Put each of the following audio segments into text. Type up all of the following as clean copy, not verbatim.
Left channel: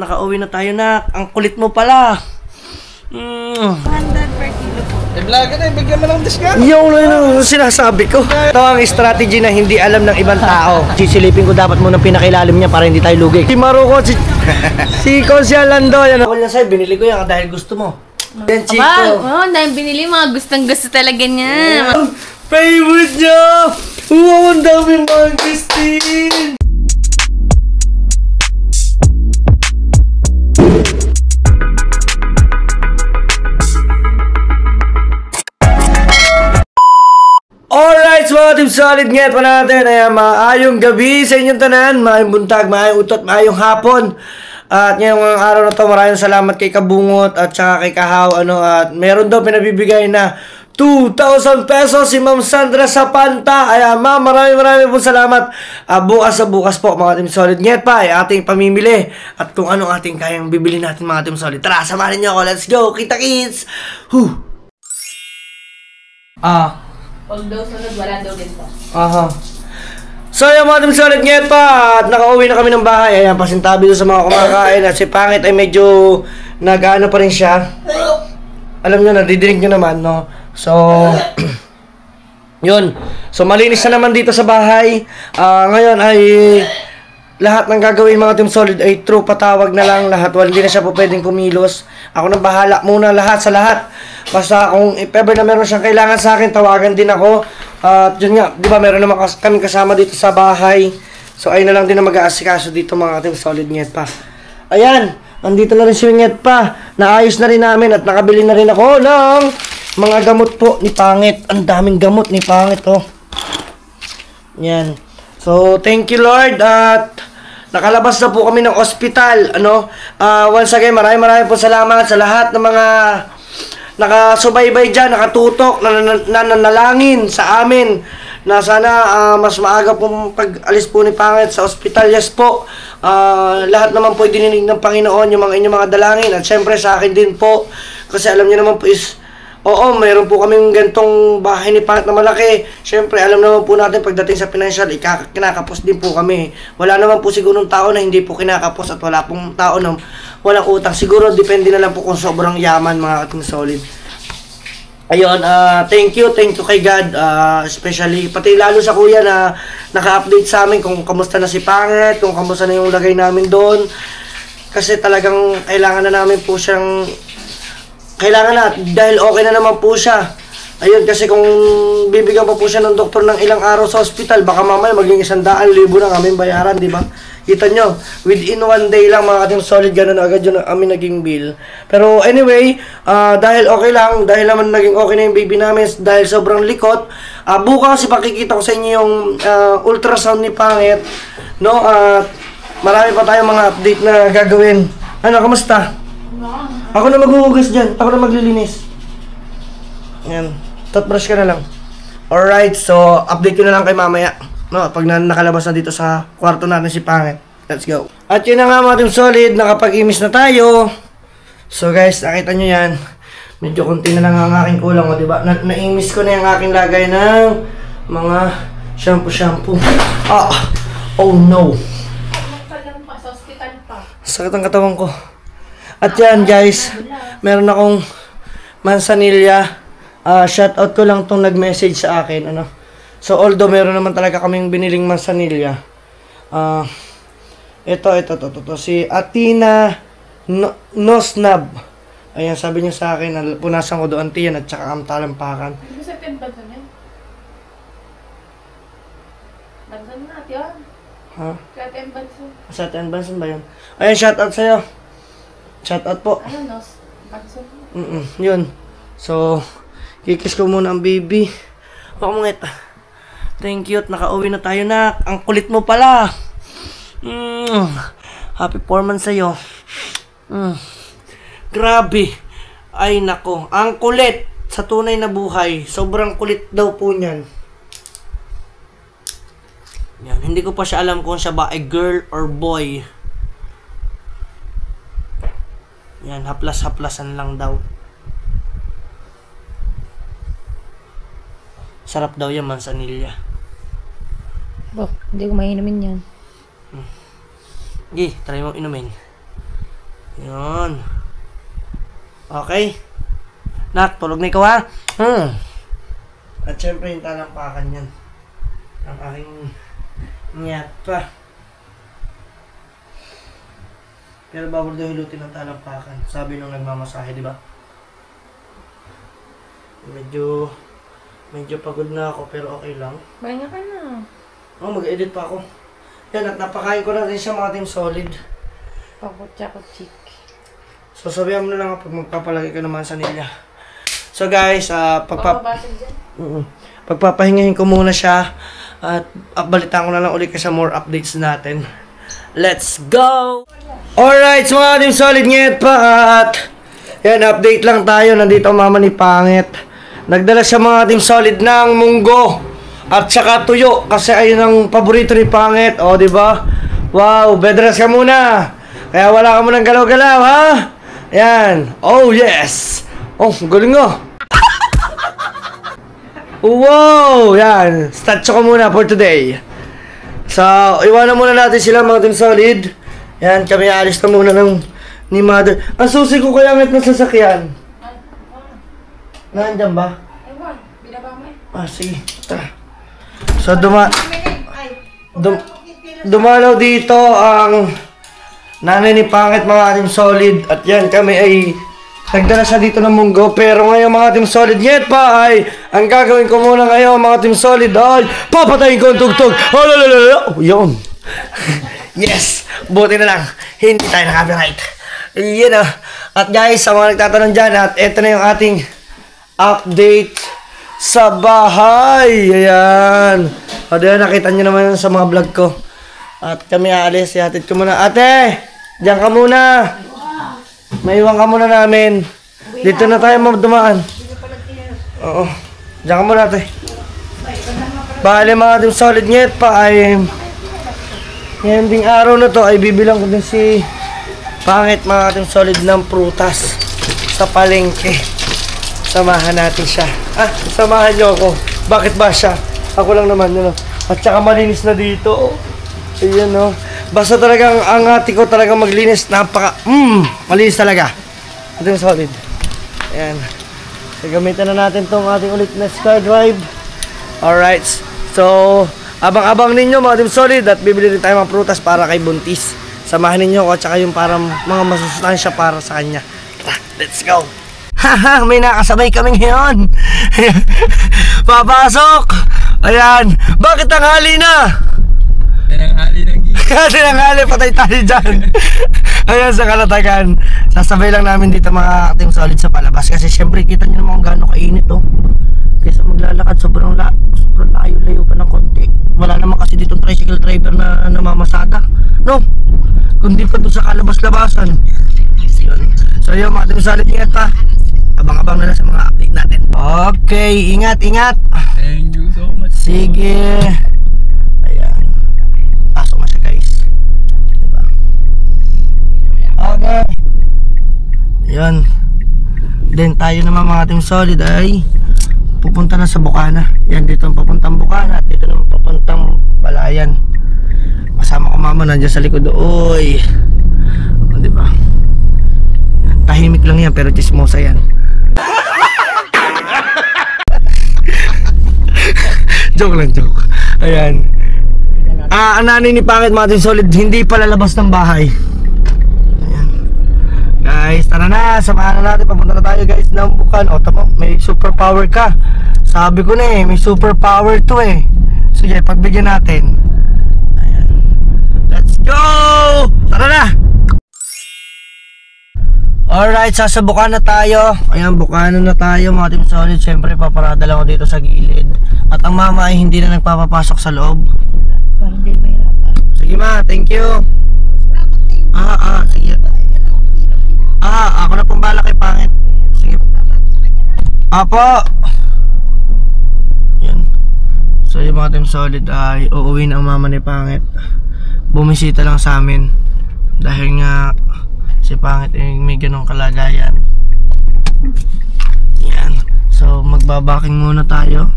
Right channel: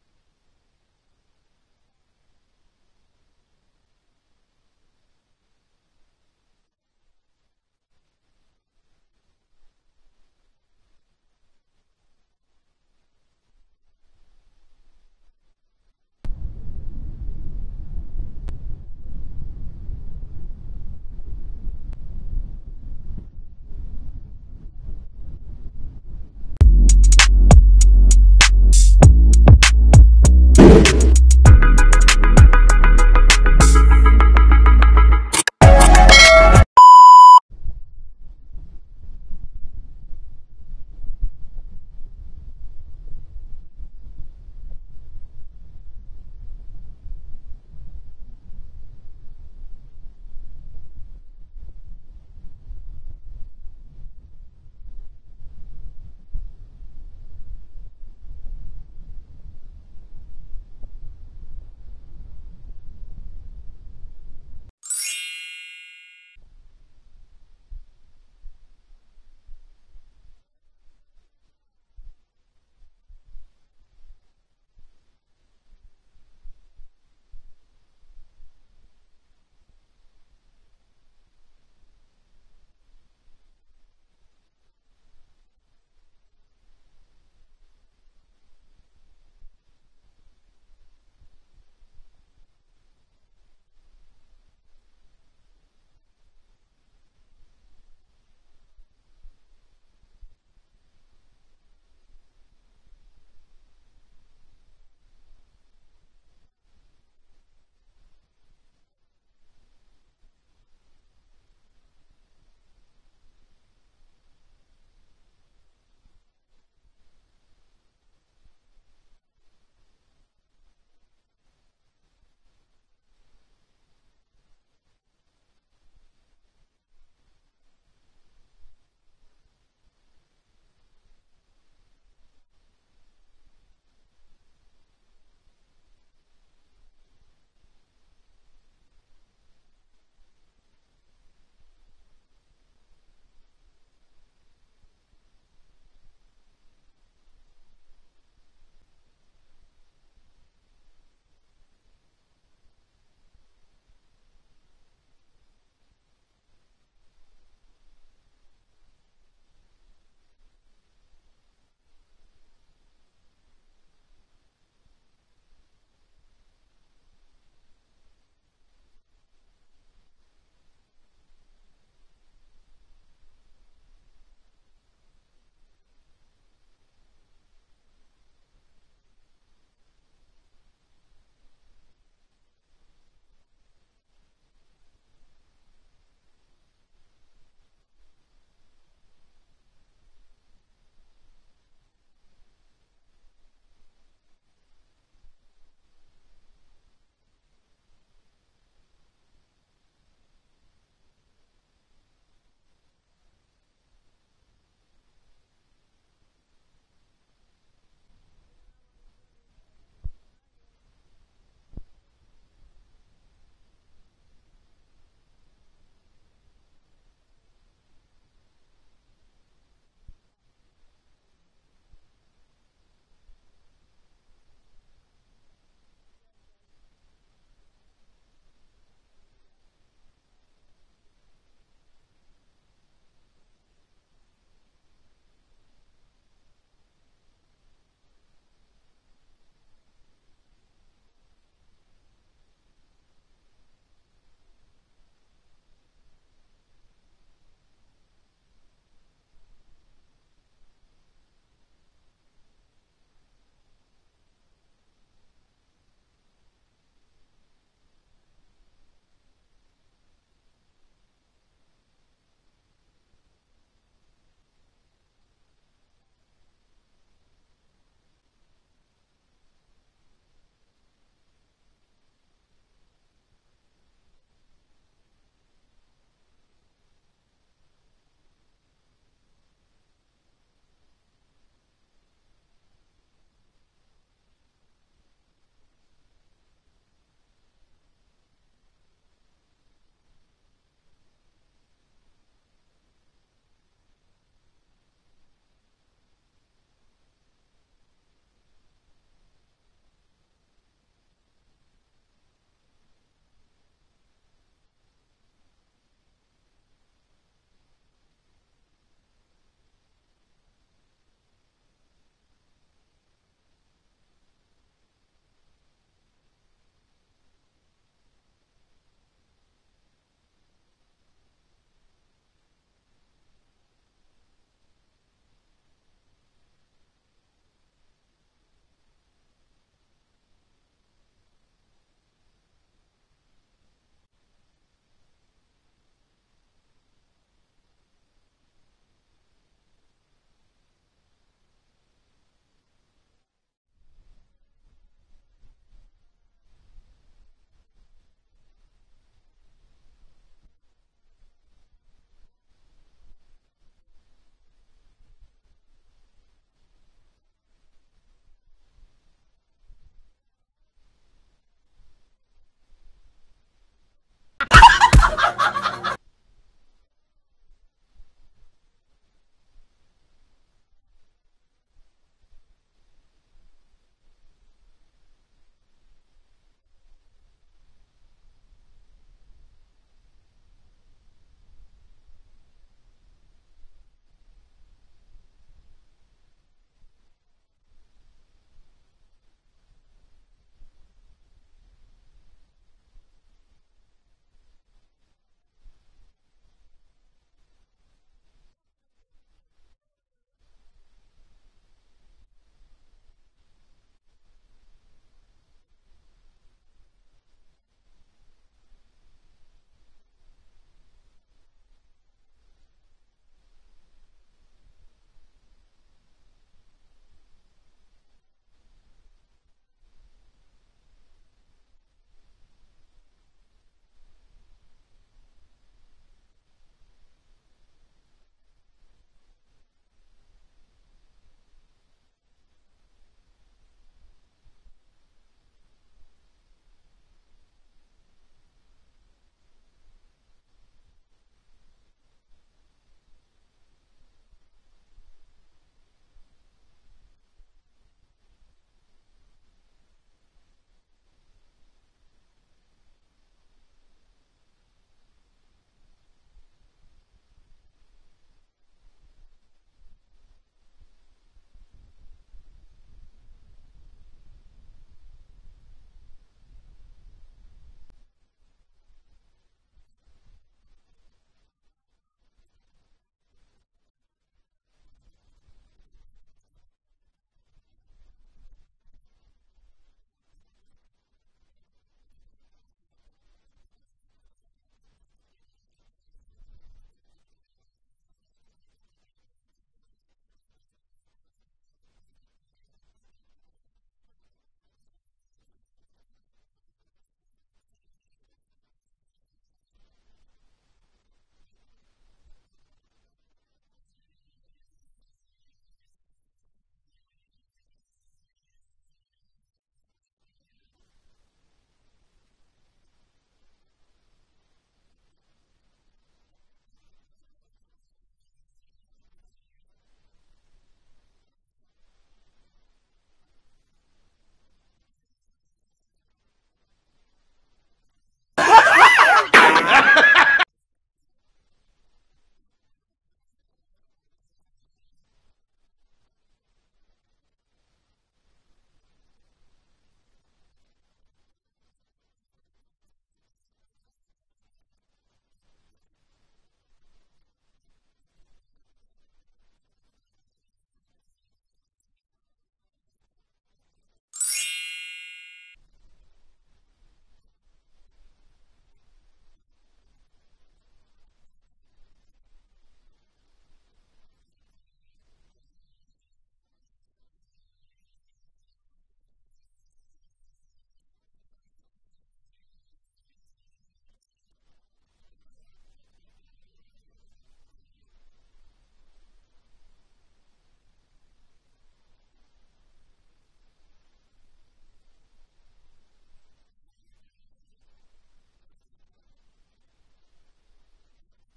nakauwi na tayo na. Ang kulit mo pala. 100 per kilo po. Vlogger na, bigyan mo ng discount. Yung sinasabi ko. Ito ang strategy na hindi alam ng ibang tao. Sisilipin ko dapat muna pinakailalim niya para hindi tayo lugi. Si Maruko, si Consia Lando. Yan ako lang sa'yo, binili ko yan dahil gusto mo. Yan, Chico. Oo, dahil binili mga gustong-gusto talaga niya. Favorite niya! Wow, ang daming mga Christine! Alright, so mga Team Solid, ngayon pa natin. Ayan, maayong gabi sa inyong tanan, maayong buntag, maayong utot, maayong hapon. At ngayong araw na to, maraming salamat kay Kabungot at saka kay Kahaw. At meron daw pinabibigay na 2,000 pesos si Ma'am Sandra sa Panta. Ayan, ma'am, maraming po salamat. Bukas sa bukas po, mga Team Solid. Ngayon pa, ay ating pamimili. At kung anong ating kayang bibili natin, mga Team Solid. Tara, samahan niyo ako. Let's go. Kita-kits! Pag daw sunod, wala daw ganito. Aha. So yung mga Team Solid, ngayon pa at nakauwi na kami ng bahay. Ayan, pasintabi doon sa mga kumakain. At si Pangit ay medyo nag-ano pa rin siya. Alam nyo, nadidinig nyo naman, no? So yun. So malinis na naman dito sa bahay. Ngayon ay lahat ng gagawin mga Team Solid ay true patawag na lang lahat. Hindi na siya po pwedeng kumilos. Ako nang bahala muna lahat sa lahat. Basta kung if ever na meron siyang kailangan sa akin, tawagan din ako. At yun nga, di ba meron naman kami kasama dito sa bahay. So ayun na lang din na mag-aasikaso dito mga Team Solid. Nget pa. Ayan, andito na rin si Nget pa. Naayos na rin namin at nakabili na rin ako ng mga gamot po ni Pangit. Ang daming gamot ni Pangit, oh. Yan. So thank you Lord at nakalabas na po kami ng ospital. Once again, maraming po salamat sa lahat ng mga nakasubaybay dyan, nakatutok, nananalangin sa amin na sana mas maaga pong pag-alis po ni Pangit sa ospital. Yes po, lahat naman po dininig ng Panginoon yung mga inyong mga dalangin at syempre sa akin din po kasi alam niyo naman po is oo, mayroon po kaming gantong bahay ni Pangit na malaki. Siyempre, alam naman po natin pagdating sa financial, kinakapos din po kami. Wala naman po siguro ng tao na hindi po kinakapos at wala pong tao na walang utang. Siguro, depende na lang po kung sobrang yaman mga Team Solid. Ayun, thank you kay God. Especially, pati lalo sa kuya na naka-update sa amin kung kamusta na si Pangit, kung kamusta na yung lagay namin doon. Kasi talagang kailangan na namin po siyang kailangan na, dahil okay na naman po siya. Ayun, kasi kung bibigyan pa po siya ng doktor ng ilang araw sa hospital, baka mamaya maging 100,000 na kaming bayaran, di ba? Kita nyo, within 1 day lang mga Team Solid, gano'n agad yun kami naging bill. Pero anyway, dahil okay lang, dahil naman naging okay na yung baby namin, dahil sobrang likot, bukas ipakikita ko sa inyo yung ultrasound ni Pangit, no? Marami pa tayong mga update na gagawin. Ano, kamusta? Ako na maghuhugas dyan. Ako na maglilinis. Yan. Toothbrush ka na lang. Alright, so update ko na lang kay mamaya. No, pag nakalabas na dito sa kwarto natin si Pangit. Let's go. At yun na nga mga Team Solid, nakapag-imis na tayo. So guys, nakita nyo yan. Medyo konti na lang ang aking kulang, o diba? Na-imis ko na yung aking lagay ng mga shampoo. Oh no. Sakit ang katawan ko. At yan guys, meron akong mansanilya. Shoutout ko lang tong nag-message sa akin. So although meron naman talaga kaming biniling mansanilya. Ito. Si Atina Nosnab. Ayan, sabi niya sa akin, punasan ko doon tiyan at saka ang talampakan. Hindi sa tembansan yan? Bansan na, tiyan. Ha? Sa tembansan. Sa tembansan ba yun? Ayan, shoutout sa'yo. Shoutout po. Ano, Nos? Bansan. Yun. So, kikis ko muna ang baby. Mangit. Thank you at nakauwi na tayo na. Ang kulit mo pala. Happy 4 months sa'yo. Grabe. Ay nako. Ang kulit sa tunay na buhay. Sobrang kulit daw po niyan. Yan. Hindi ko pa siya alam kung siya ba ay girl or boy. Yan. Haplas-haplasan lang daw. Sarap daw yan, mansanilya. Hindi ko mainumin yan. Try mo inumin. Yun. Okay. Nak, tulog na ikaw ha? At syempre yung talampakan yan. Ang aking ngiyat pa. Pero bawal daw hilutin ng talampakan. Sabi nung nagmamasahe, di ba? Medyo pagod na ako pero okay lang. Bahinga ka na. Oh, mag-edit pa ako. Yan, at napakain ko na rin siya mga Team Solid. Pakutsa-kutsik. So, sabihan mo na lang pag magpapalagay ka naman sa nila. So, guys, Babasag dyan. pagpapahingahin ko muna siya at balitaan ko na lang ulit sa more updates natin. Let's go! Alright, so mga Team Solid, ngayet pa at yan, update lang tayo. Nandito ang mama ni Pangit. Nagdala siya mga Team Solid ng munggo at saka tuyo kasi ayun ang paborito ni Pangit. O, diba? Wow, bedrest ka muna. Kaya wala ka munang galaw-galaw, ha? Yan. Oh, yes. Oh, galing nga. Wow, yan. Statue ko muna for today. So, iwanan muna natin sila mga Team Solid. Yan, kami alis na muna ni Mother. Ang susi ko kaya nga't ng sasakyan. Nandiyan ba? Ewan, binaba mo eh. Ah, sige. Tara. So, dumalaw dito ang nanay ni Pangit mga Team Solid. At yan, kami ay nagdala siya dito ng munggo. Pero ngayon mga Team Solid, yet pa ay ang gagawin ko muna ngayon mga Team Solid ay papatayin ko ang tugtog. Oh, yun. Yes, buti na lang. Hindi tayo na-copyright. Yan o. At guys, sa mga nagtatanong dyan, at eto na yung ating update sa bahay. Ayan. O diyan, nakita nyo naman sa mga vlog ko. At kami aalis. Ihatid ko muna. Ate! Diyan ka muna. Maiwan ka muna namin. Dito na tayo dumaan. Oo. Diyan ka muna, ate. Bale mga Team Solid, nyet pa ay ngayon ding araw na to ay bibilang ko din si Pangit mga Team Solid ng prutas sa palengke. Samahan natin siya. Samahan niyo ako. Bakit ba siya? Ako lang naman, yun o. At saka malinis na dito. Ayan o. Basta talagang ang ate ko talagang maglinis. Malinis talaga. Team Solid. Ayan. So, gamitan na natin tong ating ulit na Sky Drive. Alright. So, abang-abang ninyo mga Team Solid at bibili rin tayo mga prutas para kay Buntis. Samahan ninyo ako at saka yung parang mga masusustansya para sa kanya. Let's go! Haha, may nakasabay kami ngayon. Papasok! Ayan, bakit tanghali na? Tinanghali na Tinanghali, patay tayo dyan. Ayan, sa Kalatagan. Sasabay lang namin dito mga Team Solid sa palabas. Kasi syempre kita nyo naman kung gaano kainit oh. Kaysa maglalakad, sobrang layo-layo pa ng konti. Wala naman kasi ditong tricycle driver na namamasada, no? Kundi pa doon sa kalabas-labasan. So yun mga Team Solid, ingat pa. Abang-abang na lang sa mga update natin. Okay, ingat. Thank you so much. Sige. Ayan. Pasok na siya guys. Diba? Okay. Ayan. Then tayo naman mga Team Solid ay pupunta na sa Bukana. Yan, dito ang papuntang Bukana at dito naman papuntang Balayan. Kasama ko mama nandiyan sa likod. Uy, diba? Yan, tahimik lang yan pero chismosa yan. Joke lang. Ayan. Ang nanay ni Pangit mga Team Solid hindi pa lalabas ng bahay. Ayan. Guys, tara na, samahan na natin. Papunta na tayo guys ng Bukana. O tama, may superpower ka. Sabi ko na may superpower to eh. Sige, pagbigyan natin. Ayan. Let's go! Tara na! Alright, sasabukan na tayo. Ayan, Bukana na tayo mga Team Solid. Siyempre, paparada lang ako dito sa gilid. At ang mama ay hindi na nagpapapasok sa loob. Parang di mahirapan. Sige ma, thank you. Sige. Ako na pong bala kay Pangit. Sige. Apo. Yan. So yung mga Team Solid ay uuwi na ang mama ni Pangit. Bumisita lang sa amin. Dahil nga si Pangit ay may ganong kalagayan. Yan. So magbabaking muna tayo.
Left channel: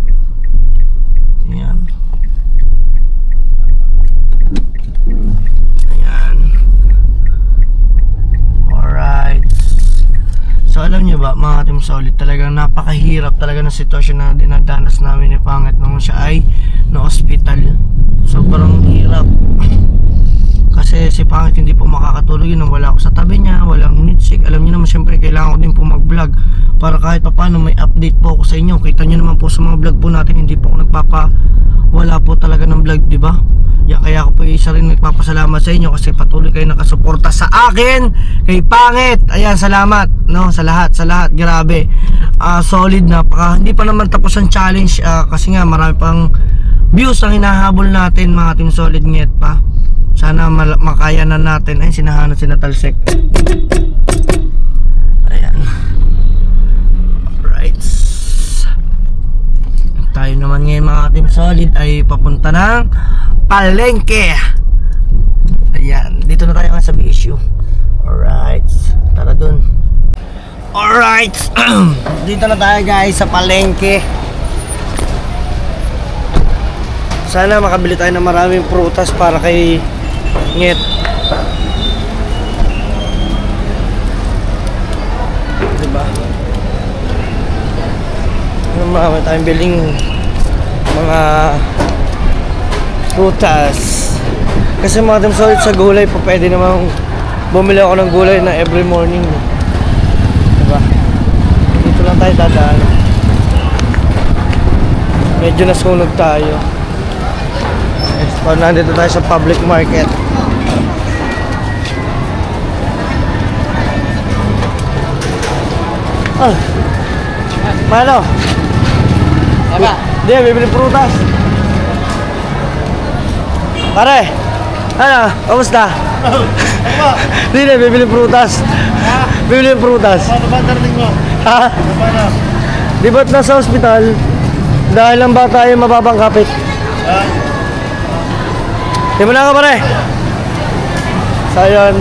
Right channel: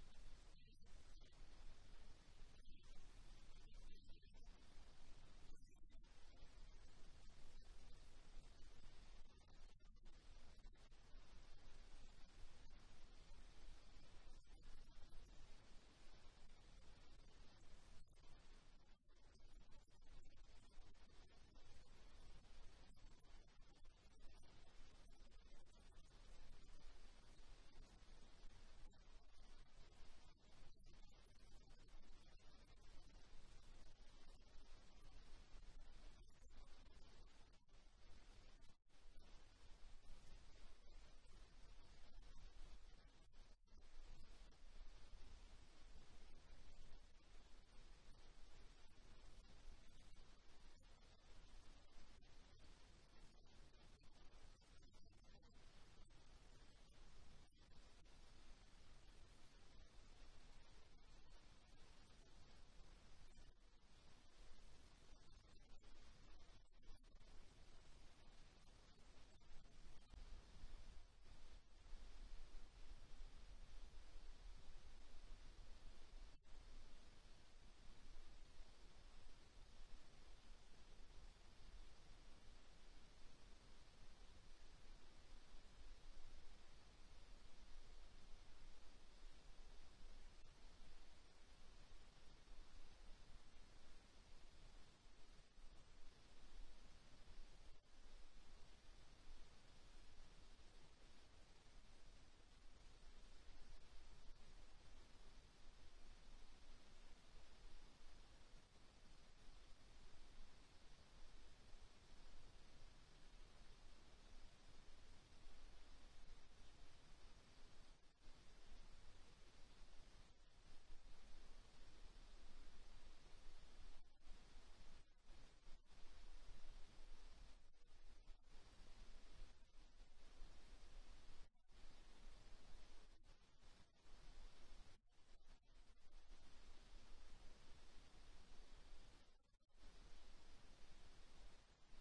Yan. Ayan. alam niyo ba mga Team Solid, talagang napakahirap talaga ng sitwasyon na dinadanas namin ni Pangit nung siya ay na-hospital. Sobrang hirap. Kasi si Pangit hindi po makakatulog yun, wala ako sa tabi niya, walang hinitsik. Alam niyo naman siyempre kailangan ko din po mag-vlog para kahit paano may update po ako sa inyo. Kita niyo naman po sa mga vlog po natin, hindi po ako wala po talaga ng vlog, di ba? Kaya ako po isa rin nagpapasalamat sa inyo kasi patuloy kayo nakasuporta sa akin kay Pangit. Ayan, salamat no, sa lahat, grabe. Solid na, hindi pa naman tapos ang challenge kasi nga marami pang views ang hinahabol natin mga Team Solid. Nget pa, sana makaya na natin. Ay, sinahanap si Natalsek. Ayan, alright. Tayo naman ngayon mga Team Solid ay papunta ng palengke. Ayan, dito na tayo nga sa BSU. Alright, tara dun. Alright, dito na tayo guys sa palengke. Sana makabili tayo ng maraming prutas para kay Nget. Diba? Marami tayong biling mga prutas. Kasi mga Team Solid sa gulay po, pwede namang bumili ako ng gulay na every morning. Diba? Dito lang tayo dadaan. Medyo nasunog tayo. So, nandito tayo sa public market. Oh, paano? Apa? Di, bibili prutas. Pare, ano? Kamusta? Di, bibili prutas. Bibili prutas. Paano ba darling mo? Ha? Paano? Di ba't nasa ospital? Dahil ang bata ay mababang kapit. Di mo na ka pare? So yun,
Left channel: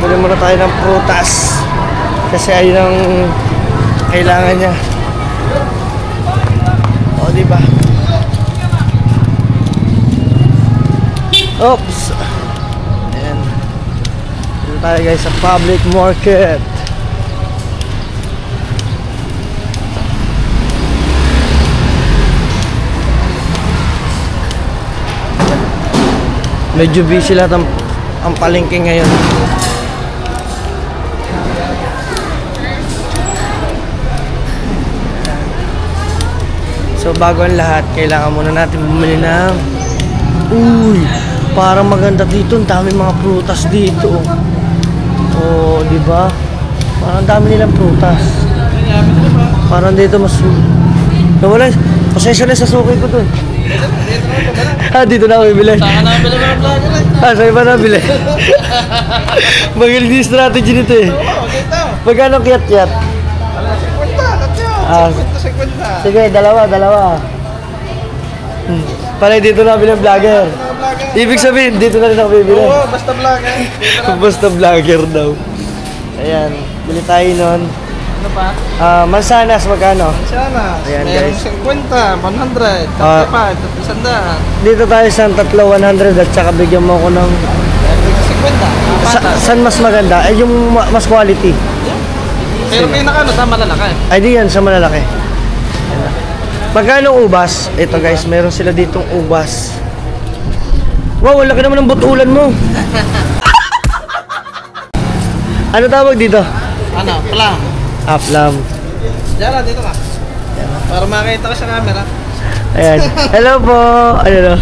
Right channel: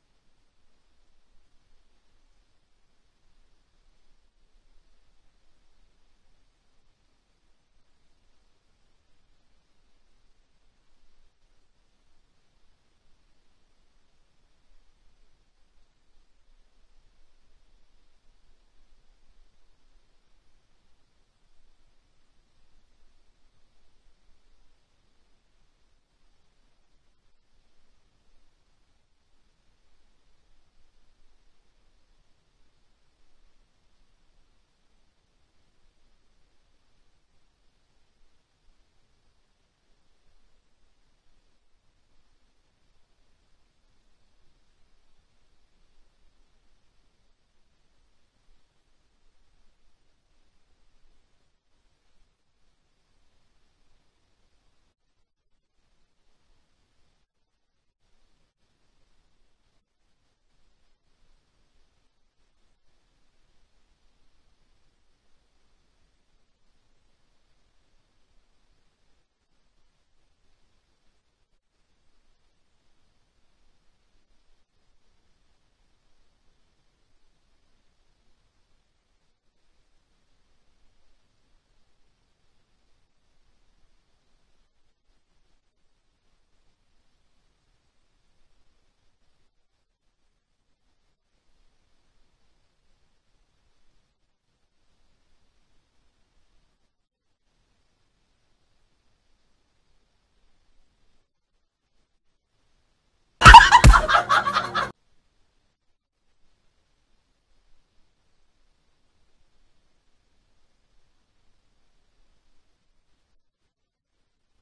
bili muna tayo ng prutas kasi ayun ang kailangan niya. O diba? Oops. Ayan, dito tayo guys sa public market. Medyo busy lahat ang palengke ngayon. So bago ang lahat, kailangan muna natin bumili ng parang maganda dito, ang dami mga prutas dito. Oh, di ba? Parang dami nilang prutas. Parang dito mas wala, pasensya na sa suki ko dun. Dito na ako bibili. Saan na bili mga vlogger eh? Sa iba na bili. Magaling din strategy nito eh. Oo, dito. Magkano kiyat-kiyat? 50. Sige, dalawa. Pala dito na bilang vlogger. Ibig sabihin, dito na rin ako bibili. Oo, basta vlogger. Basta vlogger daw. Ayan, bili tayo nun. Ano pa? Mansanas, magkano? Sana. Ayan, Mayroong guys. 50, 100, 35, 100. Dito tayo sa tatlo, 100 at saka bigyan mo ako ng... Mayroong 50. Saan mas maganda? Ay, yung mas quality. Pero pinaka sa malalaki. Ay, di yan, sa malalaki. Magkano ubas? Ito guys, meron sila ditong ubas. Wow, laki naman ng butulan mo. Ano tawag dito? Ano? Plum. Aplam. Diyan lang, dito ka. Para makita ko sa camera. Ayan. Hello po. Ano?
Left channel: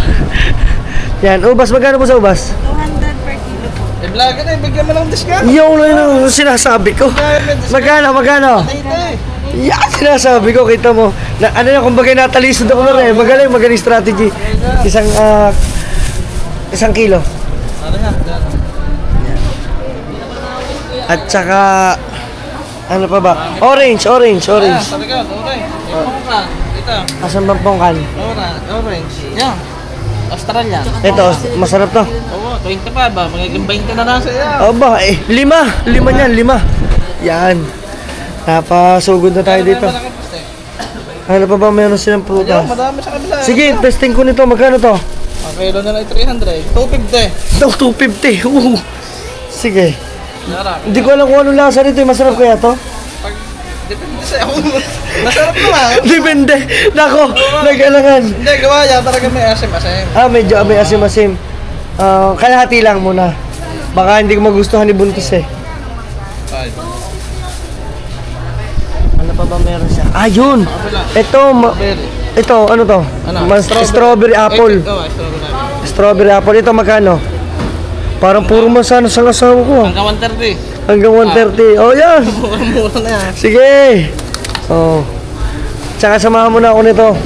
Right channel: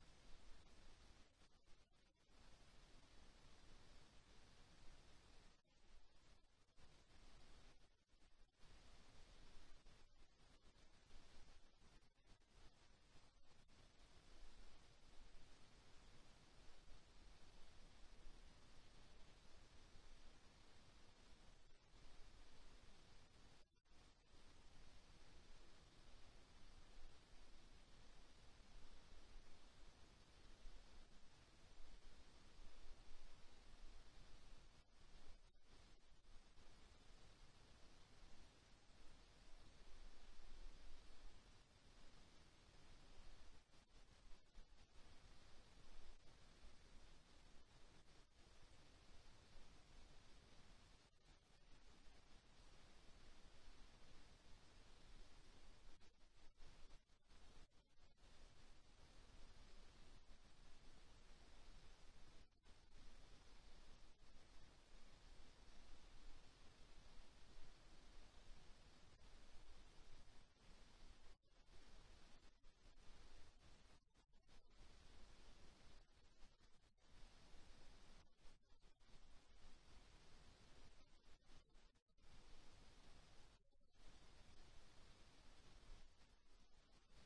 Yan, ubas. Magkano po sa ubas? 200 per kilo po. Eh, vlogger eh, bigyan mo lang discount. Yung sinasabi ko. Magkano? Dito eh. Yan, sinasabi ko. Kita mo. Na, ano na, kumbaga natalisod ako na rin. Magaling strategy. Isang kilo. Ano yan? At saka, ano pa ba? Orange. Sabi ko, okay. Yung ka. Dito. Asan bang pongkan? Orange. Yan. Australia. Ito, masarap to. Oo, 25 ba? Magiging 20 na lang sa iyo. Aba, lima niyan, 5. Yan. Napasugod na tayo dito. Ano pa ba meron silang prutas? Madami sa kabila. Sige, testing ko nito. Magkano to? Ang kilo na lang 300. 250. 250. Sige. Sarap. Hindi ko alam kung anong lasa nito. Masarap kaya to? Depende sa'yo. Masarap naman. Depende. Nako, nag-alangan. Hindi, gawa yan. Talaga may asim-asim. Medyo may asim-asim. Kalahati lang muna. Baka hindi ko magustuhan ni Buntis eh. Ay. Ano pa ba meron siya? Yun! Berry. Ito, ano to? Ano? Strawberry apple. Strawberry. Strawberry apple. Ito magkano? Parang puro masano sa asawa ko. Hanggang 130. Hanggang 130. Oh, yan! Mura na yan. Sige! Oh. Tsaka samahan mo na ako nito.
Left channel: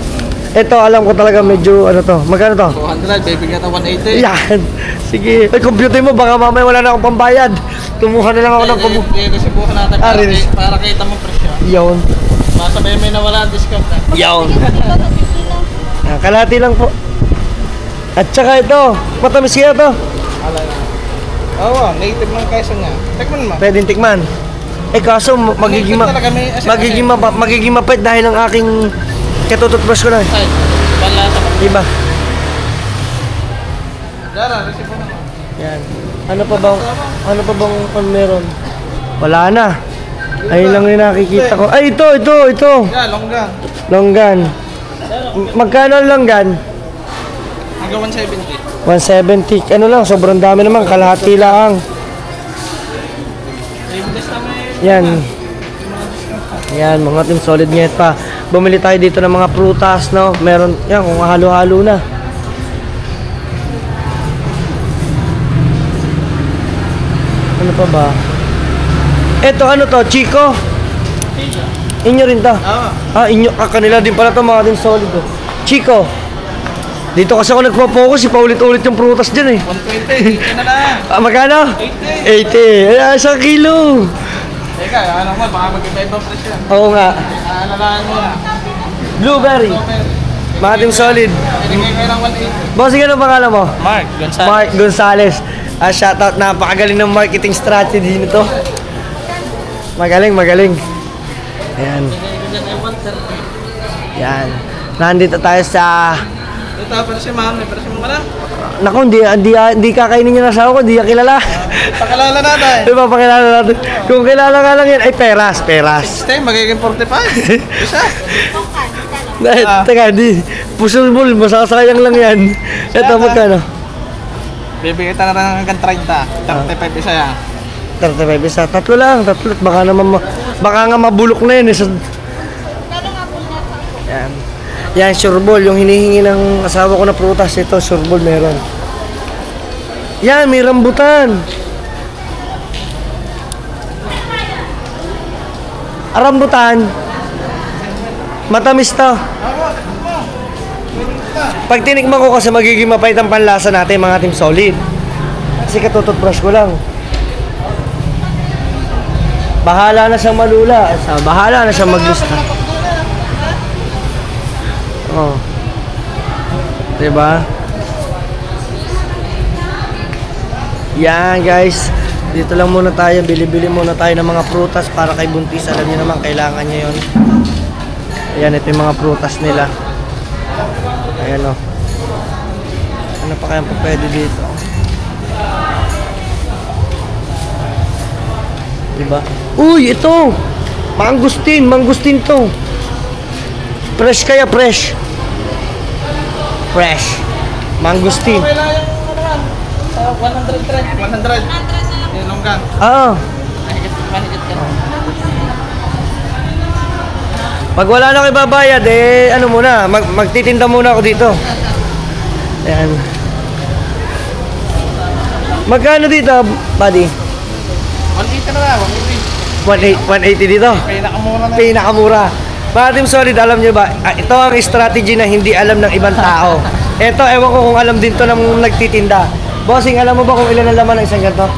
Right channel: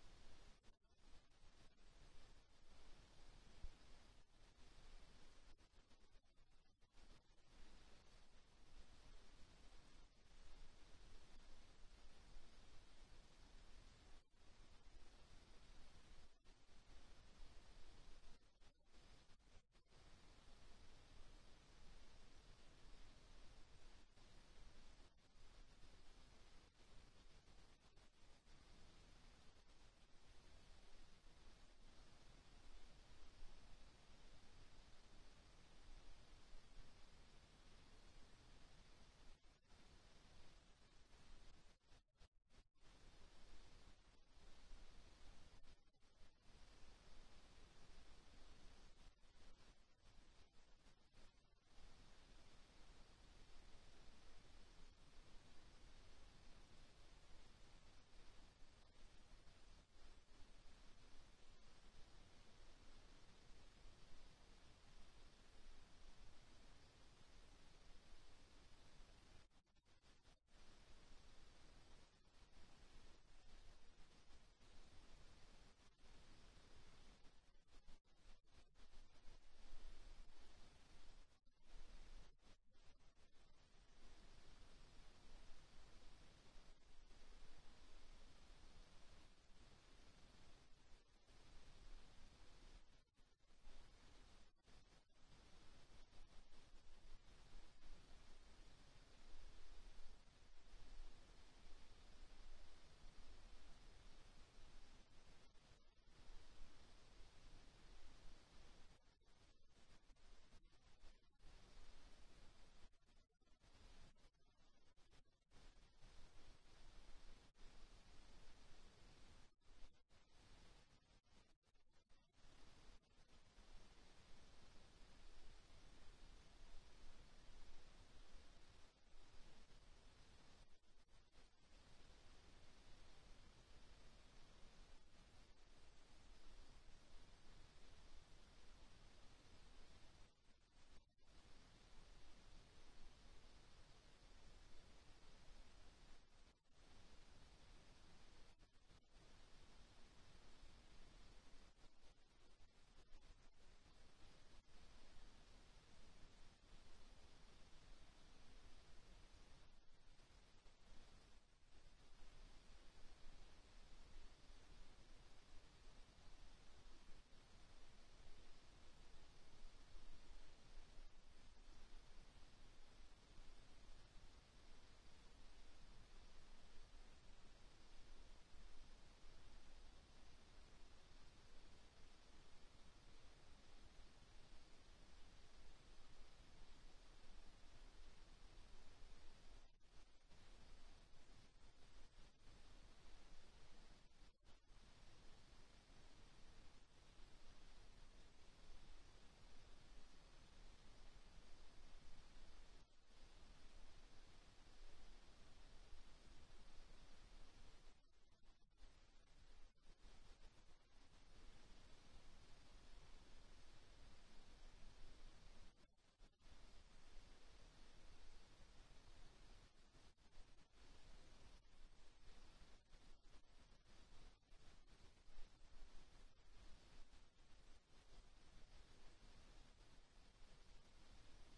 Ito, alam ko talaga medyo, ano to? Magkano to? 200, bibigyan ka 180. Yan! Sige. Ay, computer mo, baka mamaya wala na akong pambayad. Tumuha na lang ako ng Resibuhan natin para kita mo presyo. Yun. Masabay may nawala ang discount na. Yun. Kalahati lang po. At saka ito, matamis kaya to. Oo, native ng Quezon niya. Tikman mo. Pwedeng tikman. Kaso magiging mapait dahil ang aking katututbrush ko na. Ay, panlasa pa. Diba? Dara, resibuhan mo. Yan. Ano pa bang meron? Wala na. Ayun lang yung nakikita ko. Ay, ito. Yeah, longgan. Longgan. Magkano ang longgan? Hanggang 170. 170. Ano lang, sobrang dami naman. Kalahati lang. Yan. Yan, mga team solid net pa. Bumili tayo dito ng mga prutas, no? Meron, yan, kung halo-halo na. Ano pa ba? Ito, ano to? Chico? Inyo rin to? Inyo. Kanila din pala to, mga team solid. Chico. Dito kasi ako nagpo-focus, paulit-ulit yung prutas dyan eh. 120, ito na lang. Magkano? 80. 80. 1 kilo. Teka, ano mo, baka mag-iba-ibang presyo yan. Oo nga. Alalaan mo na. Blueberry. Mga team solid. Pinigay kayo ng 180. Bossing, ano pangalan mo? Mark Gonzalez. Mark Gonzalez. Shoutout, napakagaling ng marketing strategy nito. Magaling. Ayan. Yan. Nandito tayo sa... Ito, pero si ma'am, may presyo mo ka na? Naku, hindi kakainin niya na asawa ko, hindi niya kilala. Pakilala natin. Diba, pakilala natin. Kung kilala nga lang yan, ay peras. Stay, magiging 45. Isa. Teka, pusulbul, masasayang lang yan. Ito, magkano? Bibigyan na lang hanggang 30. 35 isa yan. 35 isa. Tatlo. Baka nga mabulok na yun. Yan. Yan, sureball. Yung hinihingi ng asawa ko na prutas. Ito, sureball meron. Yan, may rambutan. Rambutan. Matamis to. Pag tinikman ko kasi magiging mapait ang panlasa natin mga team solid. Kasi katututbrush ko lang. Bahala na siyang malula. Bahala na siyang maglista. Oh. Diba? Yan guys. Dito lang muna tayo. Bili-bili muna tayo ng mga prutas para kay Buntis. Alam niyo naman kailangan niya yun. Ayan, ito yung mga prutas nila. Ayan o. Ano pa kayang pwede dito? Diba? Uy, ito! Mangustin to. Fresh kaya, fresh. Mangustin. Okay lang yung ano yan. 100. Yung longgan. Mahigit ka. Pag wala na kayo babayad, ano muna, magtitinda muna ako dito. Ayan. Magkano dito, buddy? 180 na lang, 180 dito? Pinakamura na. Pinakamura. Mga team solid, alam nyo ba, ito ang strategy na hindi alam ng ibang tao. Ito, ewan ko kung alam din to ng nagtitinda. Bossing, alam mo ba kung ilan ang laman ng isang ganito?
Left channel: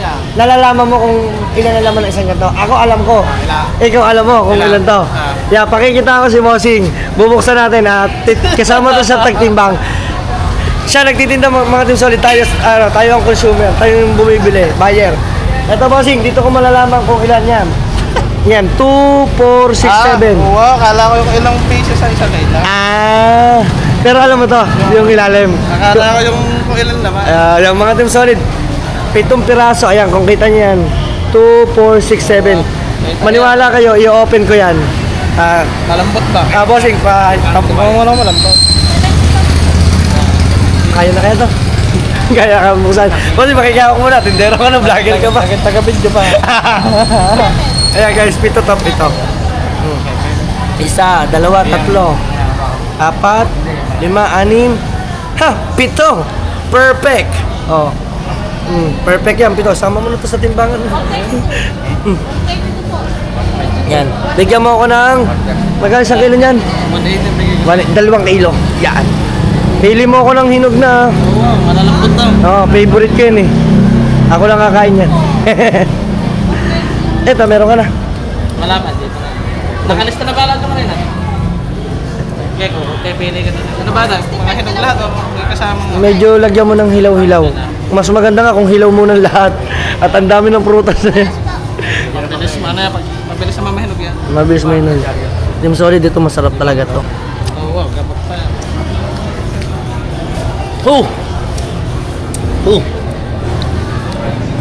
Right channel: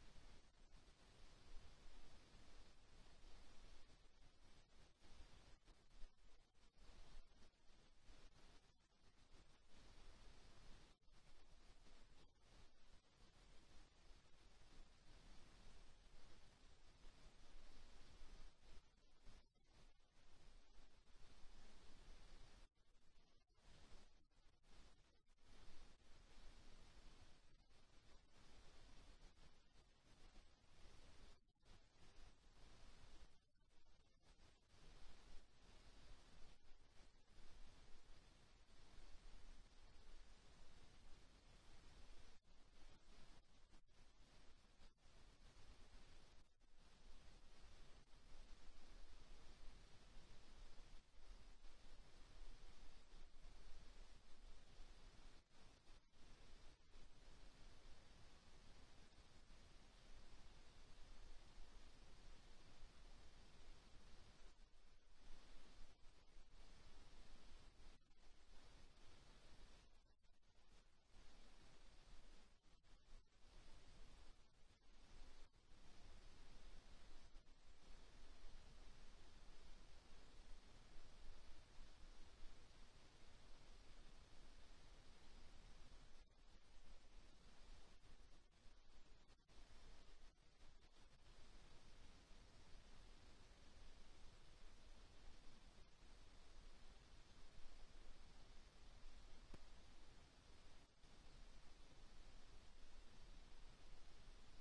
Yeah. Nalalaman mo kung ilan ang laman ng isang ganito? Ako alam ko. Ikaw alam mo kung ilan to. Yeah, pakikita ko si Bossing. Bubuksan natin at kasama to sa tagtimbang. Siya nagtitinda mga team solid, tayo ang consumer, tayo yung bumibili, buyer. Ito Bossing, dito ko malalaman kung ilan yan. Yan, 2, 4, 6, 7. Wow, kala ko yung ilang pieces sa isa kaila. Pero alam mo to, yung ilalim. Akala ko yung kung ilan naman. Yung mga team solid, 7 piraso, ayan, kung kita niyo yan. 2, 4, 6, 7. Maniwala kayo, i-open ko yan. Malambot ba? Bossing, Malambot. kaya na kaya to. Kaya ka busan. Bossing, makikiyawak muna. Tindero ka na, vlogger ka ba? Bakit taga-video pa? Ayan guys, pito top ito. Isa, dalawa, tatlo, apat, lima, anim, pito! Perfect! Oh. Perfect yan, pito. Sama mo na to sa timbangan. Yan. Bigyan mo ako ng magkano isang kilo niyan? 2 kilo. Yan. Pili mo ako ng hinog na. Oo, malalambot daw. Favorite ko yun eh. Ako lang kakain yan. Eto, meron ka na. Malaman dito na. Nakalista na ba lahat naman rin natin? Okay, pili ka na. Ano ba ito? Mga hinog lahat o may kasamang... Medyo lagyan mo ng hilaw-hilaw. Mas maganda nga kung hilaw mo ng lahat. At ang dami ng prutas na yan. Mabilis mo, ano yan? Mabilis na mamahinog yan. Mabilis mo yun. Team Solid, dito masarap talaga to. Oo, gabag pa yan.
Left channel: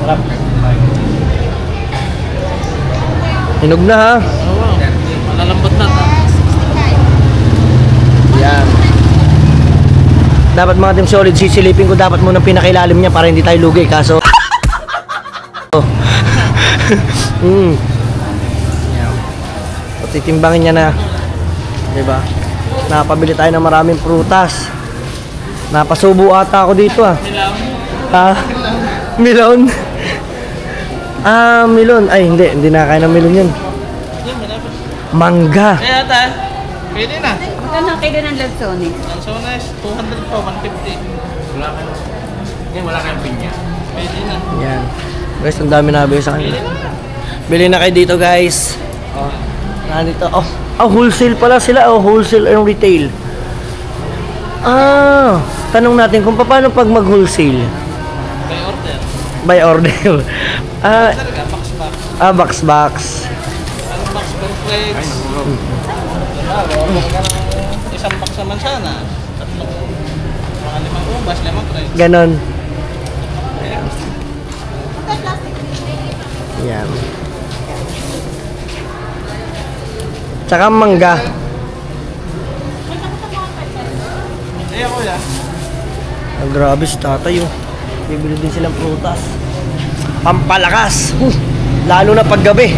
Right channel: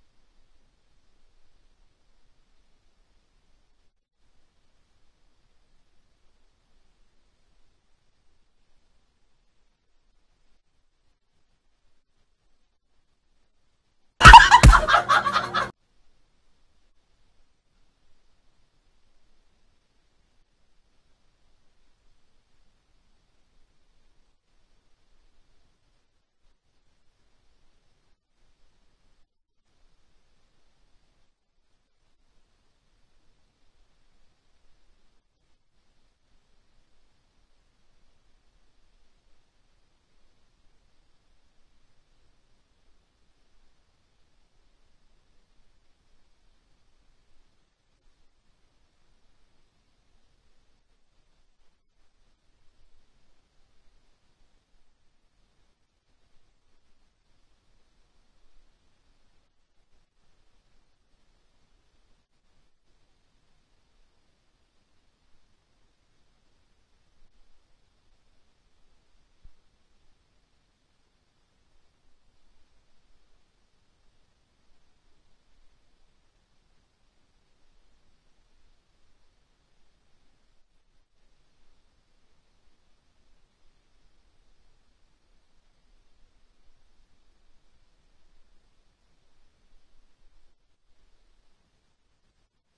Sarap. Hinog na ha. Oo, malalambot na ito. Yan. Dapat mga Team Solid, sisilipin ko dapat muna pinakailalim niya para hindi tayo lugi. Kaso... Titimbangin niya na. Diba? Napabili tayo ng maraming prutas. Napasubo ata ako dito ah. Milon? Milon. Ay, hindi na kaya ng milon yun. Mangga. Kaya ata, pwede na. Magkano kayo ng Lansones? Lansones, 200 po, 150. Wala kayong pinya. Pwede na. Yan. Guys, ang dami nabili sa kanila. Bili na kayo dito guys. Nandito. Wholesale pala sila. Wholesale and retail. Tanong natin kung paano pag mag-wholesale. By order. By order. Talaga, box. Box. Anong box? Cornflakes. Isang box naman sana. Tatlong. Mga 5 ubas, 5 fries. Ganon. Yan. Tsaka mangga. Iya kuya. Grabe si tatay oh. Bibili din silang prutas. Pampalakas. Lalo na paggabi.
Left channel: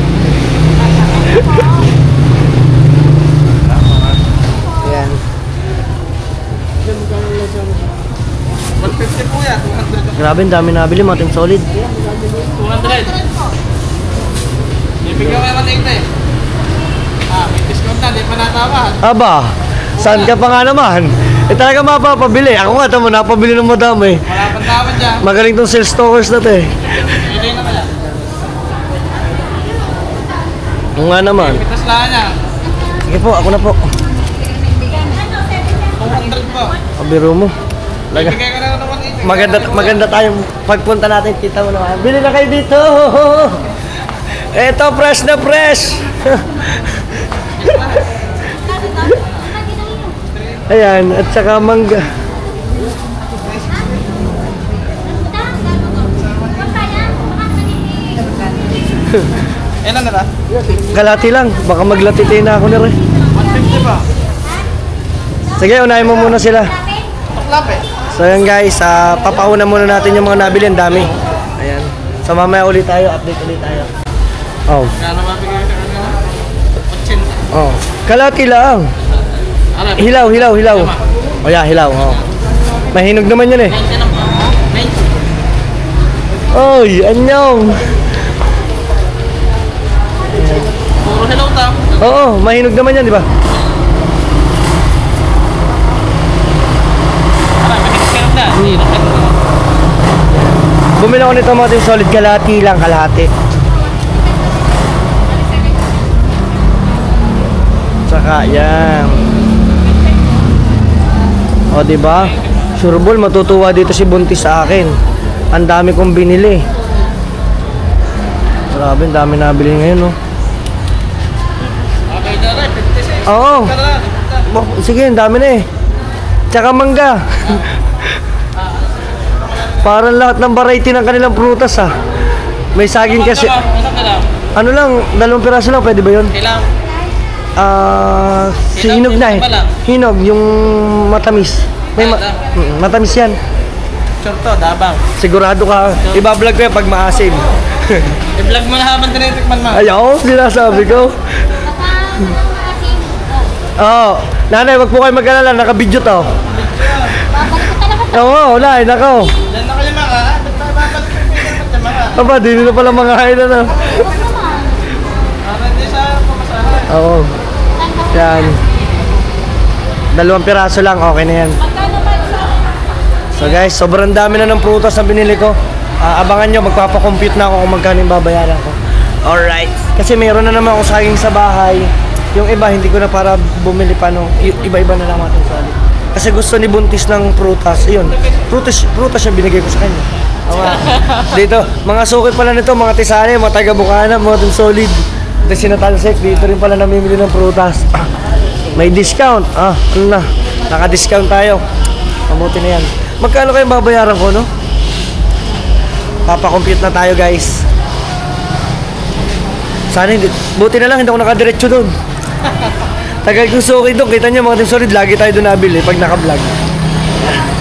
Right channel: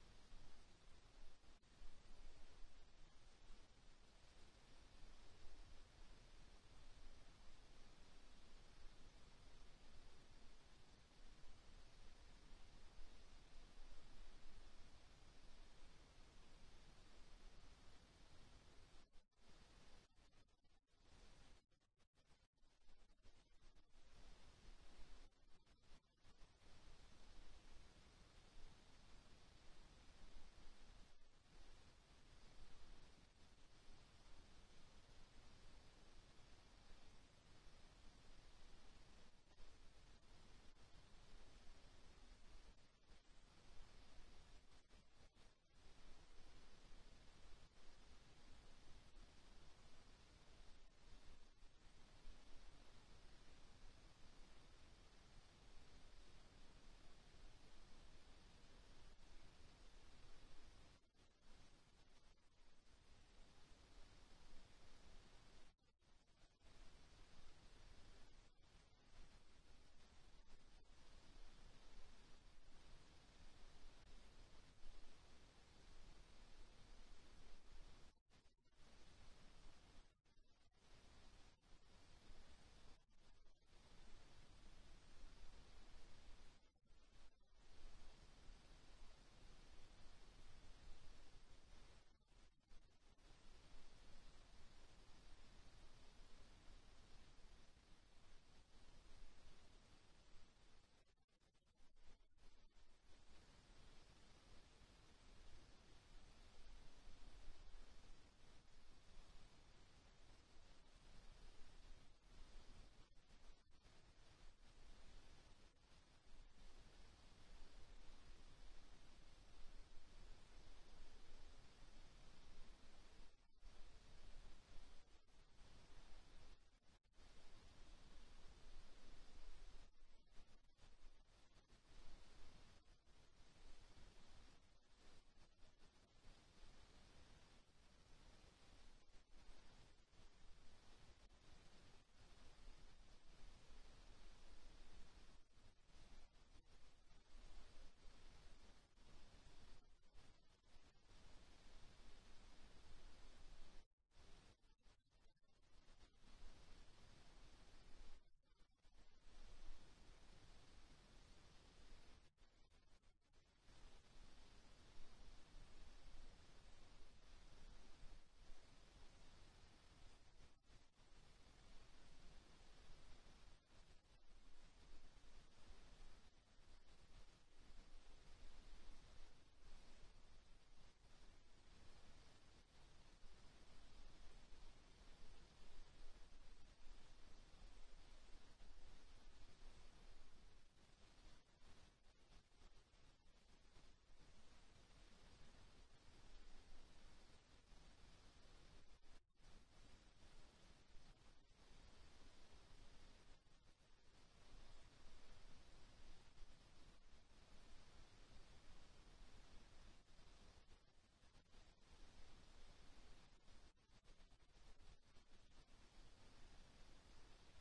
Yan. 150 po ya, 200. Grabe, ang dami nabili mga Team Solid. 200. Ibigyan mo naman 80 eh. May discount na, di pa natawad. Aba, saan ka pa nga naman? Talaga mapapabili. Ako nga, tamo, napabili ng madami. Wala pang tawad dyan. Magaling tong sales stalkers na to eh. Pili na kaya. Oo nga naman. Pitas lang niya. Sige po, ako na po. 200 po. Pabiro mo. Talaga. Ibigay ka na ng 180. Maganda tayong pagpunta natin. Kita mo naman. Bili na kayo dito. Eto, fresh na fresh. Ayan, at saka mangga. Ilan na ba? Kalati lang. Baka maglatiti na ako nila. 150 pa. Sige, unahin mo muna sila. Tuklap eh. So yan guys, papauna muna natin yung mga nabili. Ang dami. Ayan. So mamaya ulit tayo. Update ulit tayo. Kano mabigay ka kanina? 80. Kalati lang. Hilaw. O yeah, hilaw. Mahinog naman yun eh. 90 lang po. 90. Oy, anyong. Puro hello ta. Oo, mahinog naman yan, di ba? Mahinog na. Bumili ako nito mga Team Solid. Kalati lang, kalahati. Saka, yan. O, diba? Sure ball, matutuwa dito si Buntis sa akin. Ang dami kong binili. Grabe, ang dami nabili ngayon, no? Okay na rin, 56. Oo. Sige, ang dami na eh. Tsaka mangga. Parang lahat ng variety ng kanilang prutas, ha. May saging kasi. Ano ka lang? Ano lang, 2 piraso lang, pwede ba yun? Kailangan. Si hinog na eh. Ba lang? Hinog, yung matamis. Matamis yan. Sure to, dabang. Sigurado ka. Ibablog ko yan pag maasim. I-vlog mo na habang tinitikman mo. Ayaw, sinasabi ko. Oo. Nanay, wag po kayo mag-alala. Naka-video to. Oo, wala. Nako. Diyan na kayo mga. Ba't tayo babalik yung pinapit yung mga? Aba, di na pala mga hain na. Para hindi sa pamasahan. Oo. Yan. 2 piraso lang. Okay na yan. So guys, sobrang dami na ng prutas na binili ko. Abangan nyo, magpapakompute na ako kung magkano yung babayaran ko. Alright. Kasi mayroon na naman ako saging sa bahay. Yung iba, hindi ko na para bumili pa no. Iba-iba na lang ating solid. Kasi gusto ni Buntis ng prutas. Ayun, prutas siya binigay ko sa kanya. Dito, mga sukit pala nito, mga tisane, mga taga-Bukana, mga team solid. Ito sinatalsek, dito rin pala namimili ng prutas. May discount. Ano na, naka-discount tayo. Mabuti na yan. Magkano kayong babayaran ko, no? Papakompute na tayo, guys. Sana hindi. Buti na lang, hindi ako nakadiretso doon. Tagal kong suki doon. Kita niyo mga team solid, lagi tayo doon nabili pag naka-vlog.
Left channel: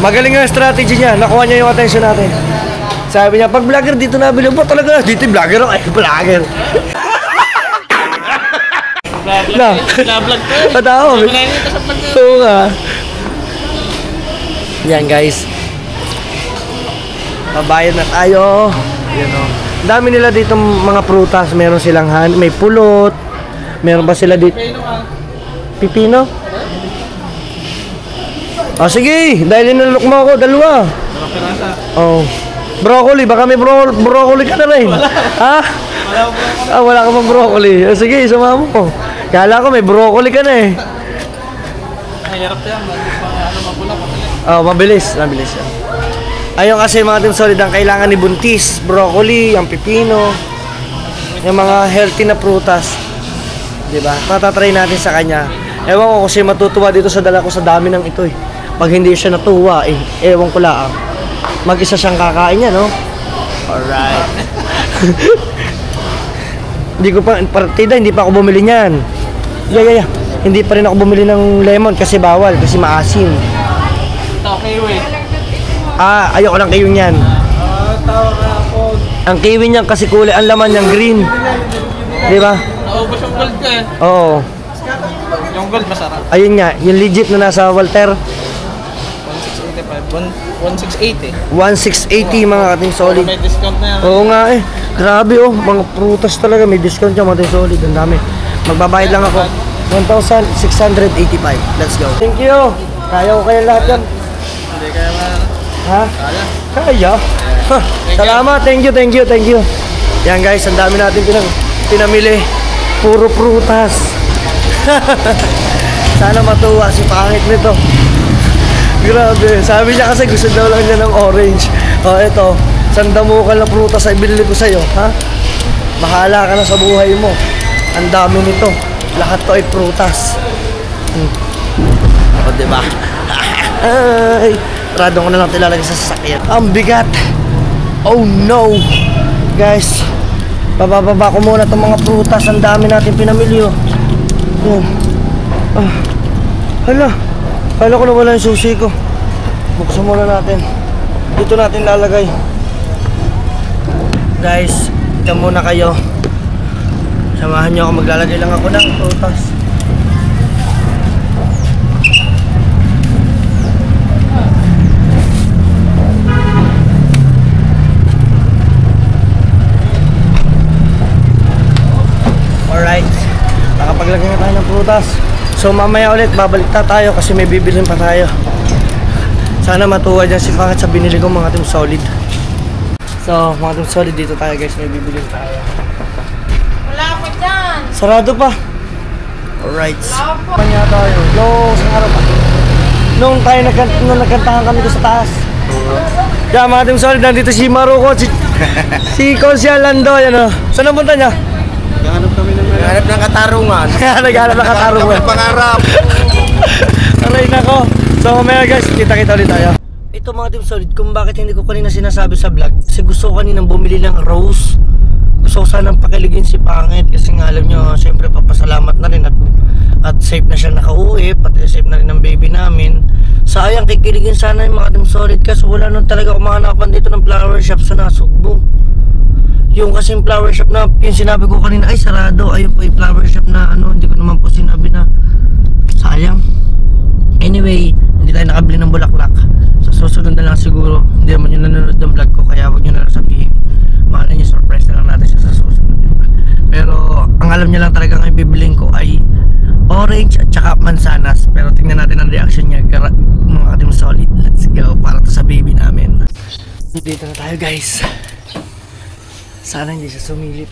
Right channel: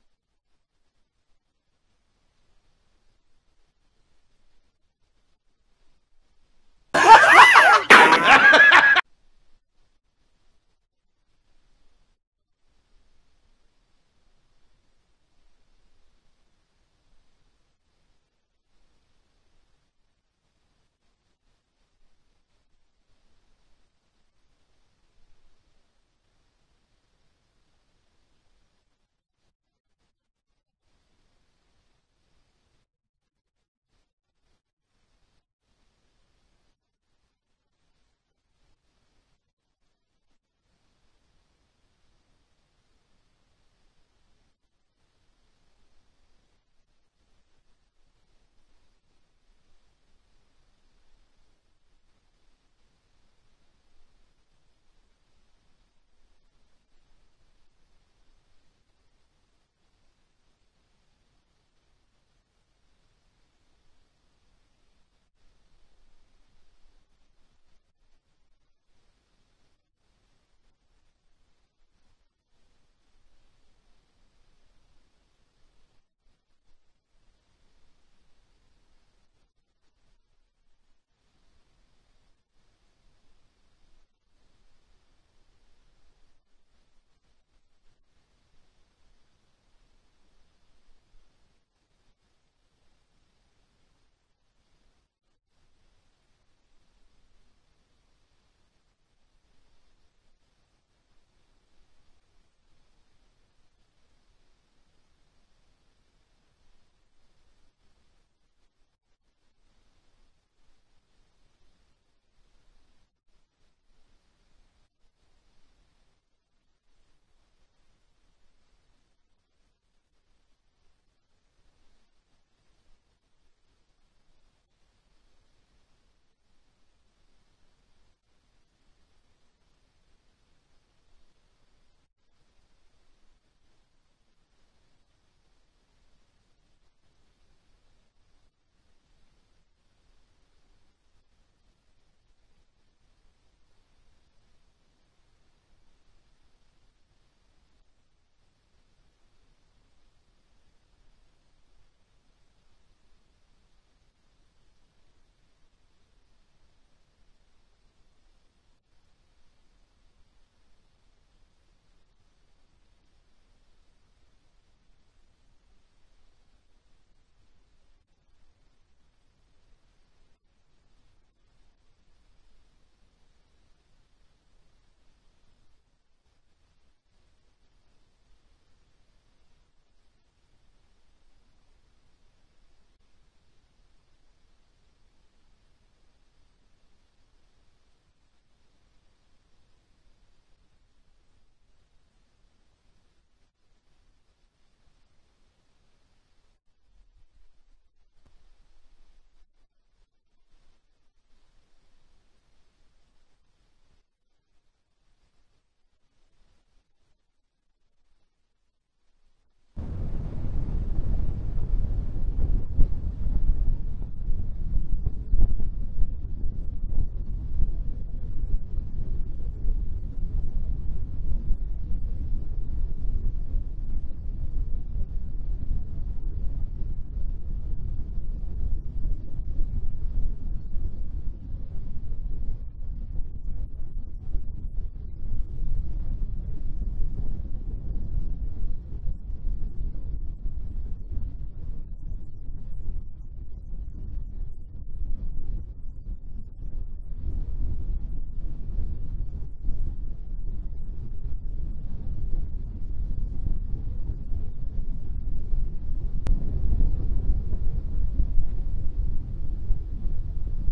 Magaling ang strategy niya. Nakuha niya yung attention natin. Sabi niya, pag vlogger dito nabili. Ba talaga? Dito yung vlogger ako. Ay, vlogger. Vlog ko. Patawa. Oo nga. Yan guys. Babayad na tayo. Yan o. Dami nila dito mga prutas. Meron silang may pulot. Meron ba sila dito? Pipino? Sige. Dahil inalok mo ako, 2. Oh. Broccoli. Baka may broccoli ka na rin. Ha? Wala ka pang broccoli. Sige, sumama mo. Kala ko may broccoli ka na eh. Mahirap yan. Mabulak. Mabilis yan. Ayun kasi mga team solid ang kailangan ni Buntis, broccoli, ang pipino, yung mga healthy na prutas. 'Di ba? Patatry natin sa kanya. Ewan ko kasi matutuwa dito sa dala ko sa dami ng ito eh. Pag hindi siya natuwa ewan ko lang. Mag-isa siyang kakain niya, no? Alright. Hindi ko pa partida, hindi pa ako bumili niyan. Yeah. Hindi pa rin ako bumili ng lemon kasi bawal, kasi maasim. Kiwi. Ayoko ng kiwi niyan. Tawag ako. Ang kiwi niyan kasi kulay, ang laman niyang green. Di ba? Naubos yung gold ko eh. Oo. Yung gold masarap. Ayun nga, yung legit na nasa Walter. 1680. 1680 mga kating solid. May discount na yan. Oo nga eh. Grabe oh, mga prutas talaga may discount yan mga kating solid. Ang dami. Magbabayad lang ako. 1,685. Let's go. Thank you. Kaya ko kayo lahat yan. Hindi kaya Ha? Kaya? Salamat. Thank you. Yan guys, ang dami natin pinamili. Puro prutas. Sana matuwa si pangit nito. Grabe. Sabi niya kasi gusto daw lang niya ng orange. Ito. Sandamukan na prutas ay binili ko sa'yo. Ha? Bahala ka na sa buhay mo. Ang dami nito. Lahat to ay prutas. Diba? Ay, rado ko na lang tilalagay sa sasakyan. Ang bigat. Oh no. Guys, bababa ko muna itong mga prutas. Ang dami natin pinamili oh. Hala. Kala ko na wala yung susi ko. Buksan muna natin. Dito natin lalagay. Guys, ito muna kayo. Samahan nyo ako. Maglalagay lang ako ng prutas. Alright. Nakapaglagay na tayo ng prutas. So mamaya ulit babalik tayo kasi may bibilhin pa tayo. Sana matuwa dyan si Pangit sa binili ko mga team solid. So mga team solid dito tayo guys, may bibilhin tayo. Wala pa dyan. Sarado pa. Alright. Kanya tayo. Sa araw pa. Nung nagkantahan kami doon sa taas. Yeah, mga team solid, nandito si Maruko, si Consial Lando, yan o. Saan ang punta niya? Naghanap ng katarungan. Naghanap ng katarungan. Pangarap. Aray nako. So mamaya guys, kita-kita ulit tayo. Ito mga team solid, kung bakit hindi ko kanina sinasabi sa vlog, kasi gusto ko kaninang bumili ng rose gusto ko sanang pakiligin si Pangit kasi nga alam nyo, syempre papasalamat na rin at safe na siya nakauwi, pati safe na rin ang baby namin. Sayang, kikiligin sana yung mga Team Solid kasi wala nun talaga kumahanapan dito ng flower shop sa Nasugbo. Yung kasing flower shop na yung sinabi ko kanina ay sarado, ayun po yung flower shop na ano, hindi ko naman po sinabi na sayang. Anyway, hindi tayo nakabili ng bulaklak. Sa susunod na lang siguro, hindi naman yung nanonood ng vlog ko, kaya huwag nyo na lang sabihin. Mahal nyo, surprise na lang natin siya sa susunod, diba? Pero ang alam niya lang talaga ang ibibiling ko ay orange at saka mansanas. Pero tingnan natin ang reaction niya, mga Team Solid. Let's go, para to sa baby namin. Dito na tayo guys. Sana hindi siya sumilip.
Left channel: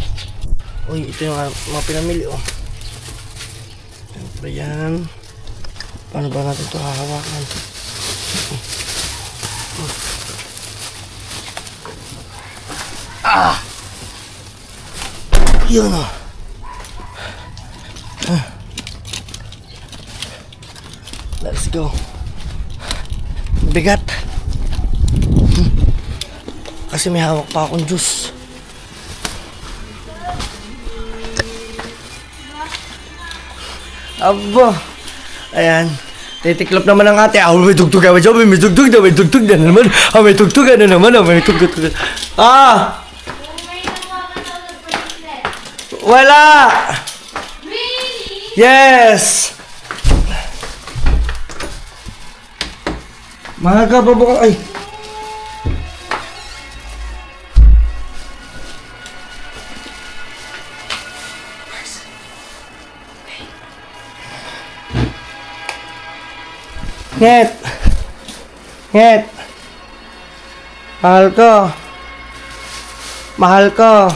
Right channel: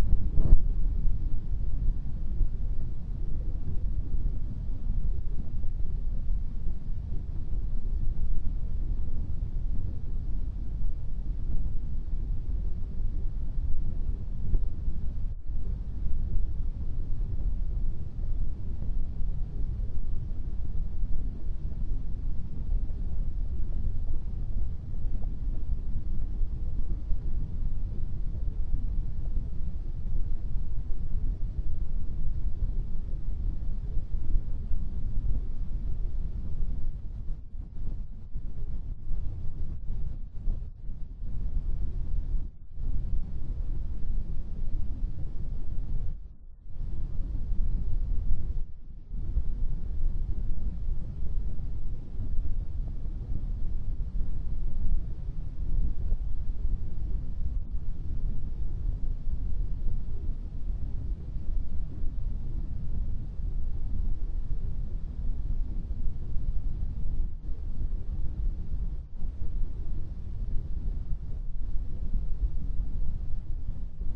Uy, ito yung mga pinamili oh. Ayan. Paano ba natin ito hahawakan? Ah! Yun o. Let's go. Bigat. Kasi may hawak pa akong juice. Aba. Ayan. Titiklop naman ang ate. Ah, may tugtog na. May tugtog na. May tugtog na naman. Ah, may tugtog na naman. May tugtog na. Ah! Wala! Really? Yes! Maga pa bukas. Ay! Nget! Nget! Mahal ko! Mahal ko!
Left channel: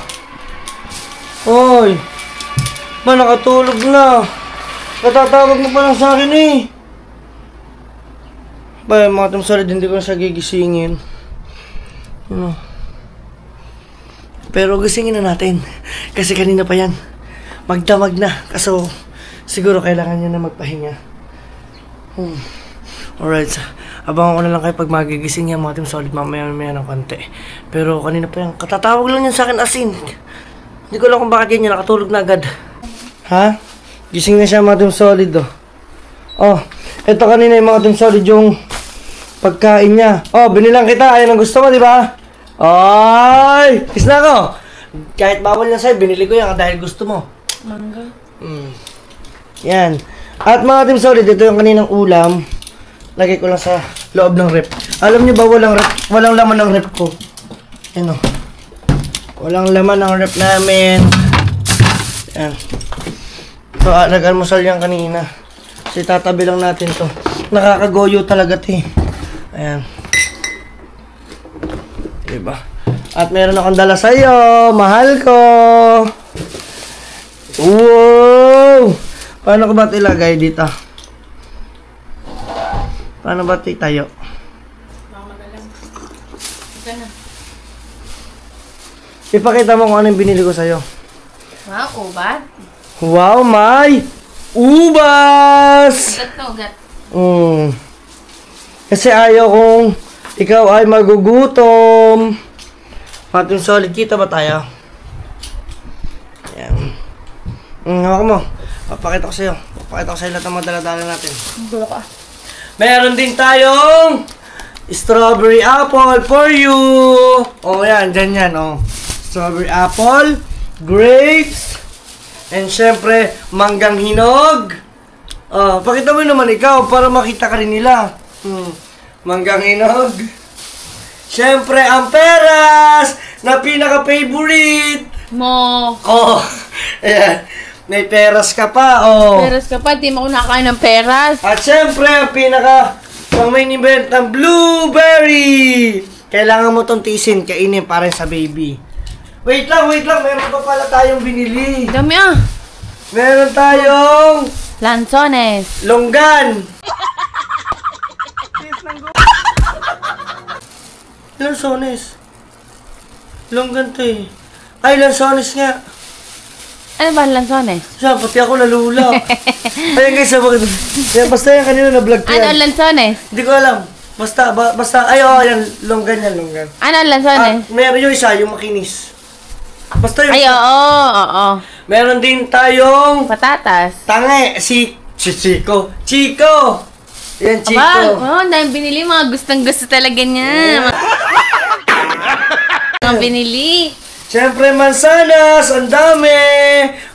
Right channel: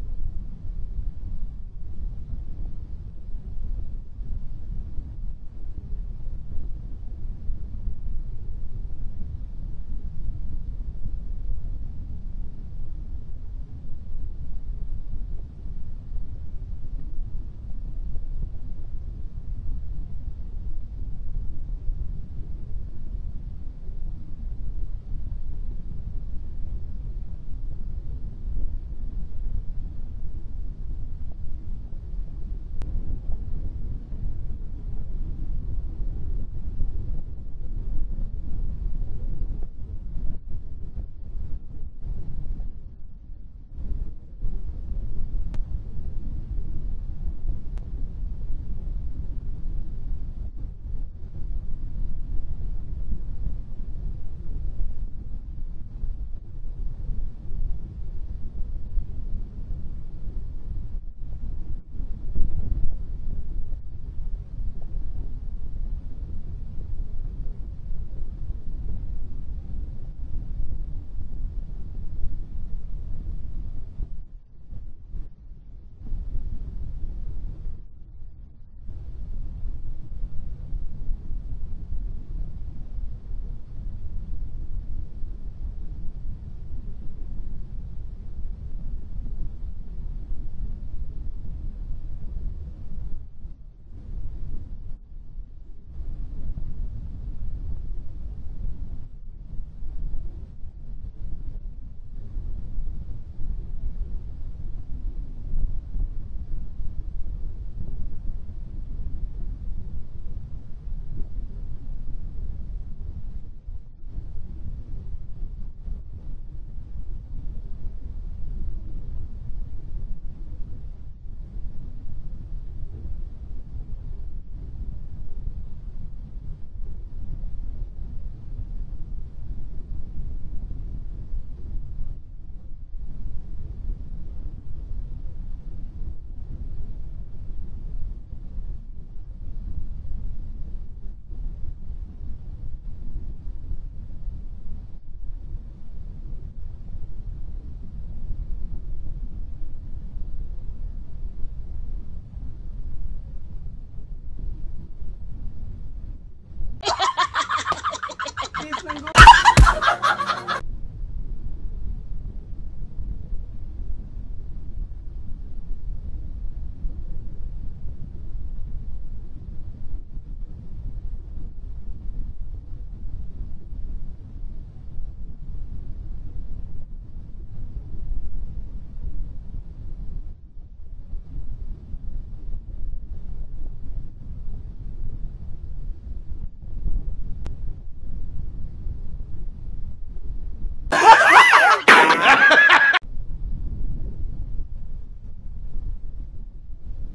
Oy! Ma, nakatulog na! Katatawag mo pa lang sa akin eh! Ba, mga Team Solid, hindi ko na siya gigisingin. Ano? Pero gisingin na natin. Kasi kanina pa yan. Magdamag na. Kaso, siguro kailangan niya na magpahinga. Alright. Abangan ko na lang kayo pag magigising yan, mga Team Solid. Mamaya ng konti. Pero kanina pa yan. Katatawag lang yan sa akin asin. Hindi ko alam kung bakit yan nakatulog na agad. Ha? Gising na siya, mga Team Solid oh. Oh, ito kanina yung mga Team Solid yung pagkain niya. Oh, binilang kita. Ayan ang gusto mo, di ba? Ay! Kiss na ako! Kahit bawal na sa'yo, binili ko yan dahil gusto mo. Mangga. Yan. At mga Team Solid, ito yung kaninang ulam. Lagay ko lang sa loob ng rep. Alam niyo ba walang laman ng rep ko? Yan oh. Walang laman ng rep namin. Yan. So, nag-almusal yan kanina. Kasi tatabi lang natin to. Nakakagoyo talaga ito eh. Ayan. Diba? At meron akong dala sa'yo. Mahal ko. Wow! Paano ko ba ito ilagay dito? Paano ba ito tayo? Ipakita mo kung ano yung binili ko sa'yo. Wow, ubat. Wow, may ubas! Ugat na ugat. Kasi ayaw kong ikaw ay magugutom. Mga Team Solid, kita ba tayo? Ayan. Hawak mo. Papakita ko sa'yo. Papakita ko sa'yo lahat ng mga dala-dala natin. Gulo ka. Meron din tayong strawberry apple for you. Oh, yan. Dyan yan, oh. Strawberry apple, grapes, and syempre, manggang hinog. Oh, pakita mo naman ikaw para makita ka rin nila. Manggang hinog. Syempre, ang peras na pinaka-favorite Mo. Oh, ayan. May peras ka pa, oh. Peras ka pa, di mo ako nakakain ng peras. At syempre, ang pang main event ng blueberry. Kailangan mo tong tisin, kainin para sa baby. Wait lang. Meron pa pala tayong binili. Dami ah. Meron tayong Lanzones. longgan. Lanzones. Longgan to eh. Ay, lanzones nga. Ano ba lanzones? Siya, pati ako nalula. Ayan guys, basta yan kanina na-vlog ko Ano yan. lanzones? Hindi ko alam. Basta, ay, oh, yan, longgan yan, longgan. Ano lanzones? Meron yung isa, yung makinis. Basta yung... Ay, oo. Meron din tayong Patatas. tange, Chico. Chico! Yan, Chico. Aba, ang dami binili. Mga gustong-gusto talaga niya. Mga binili. Siyempre, mansanas. Ang dami.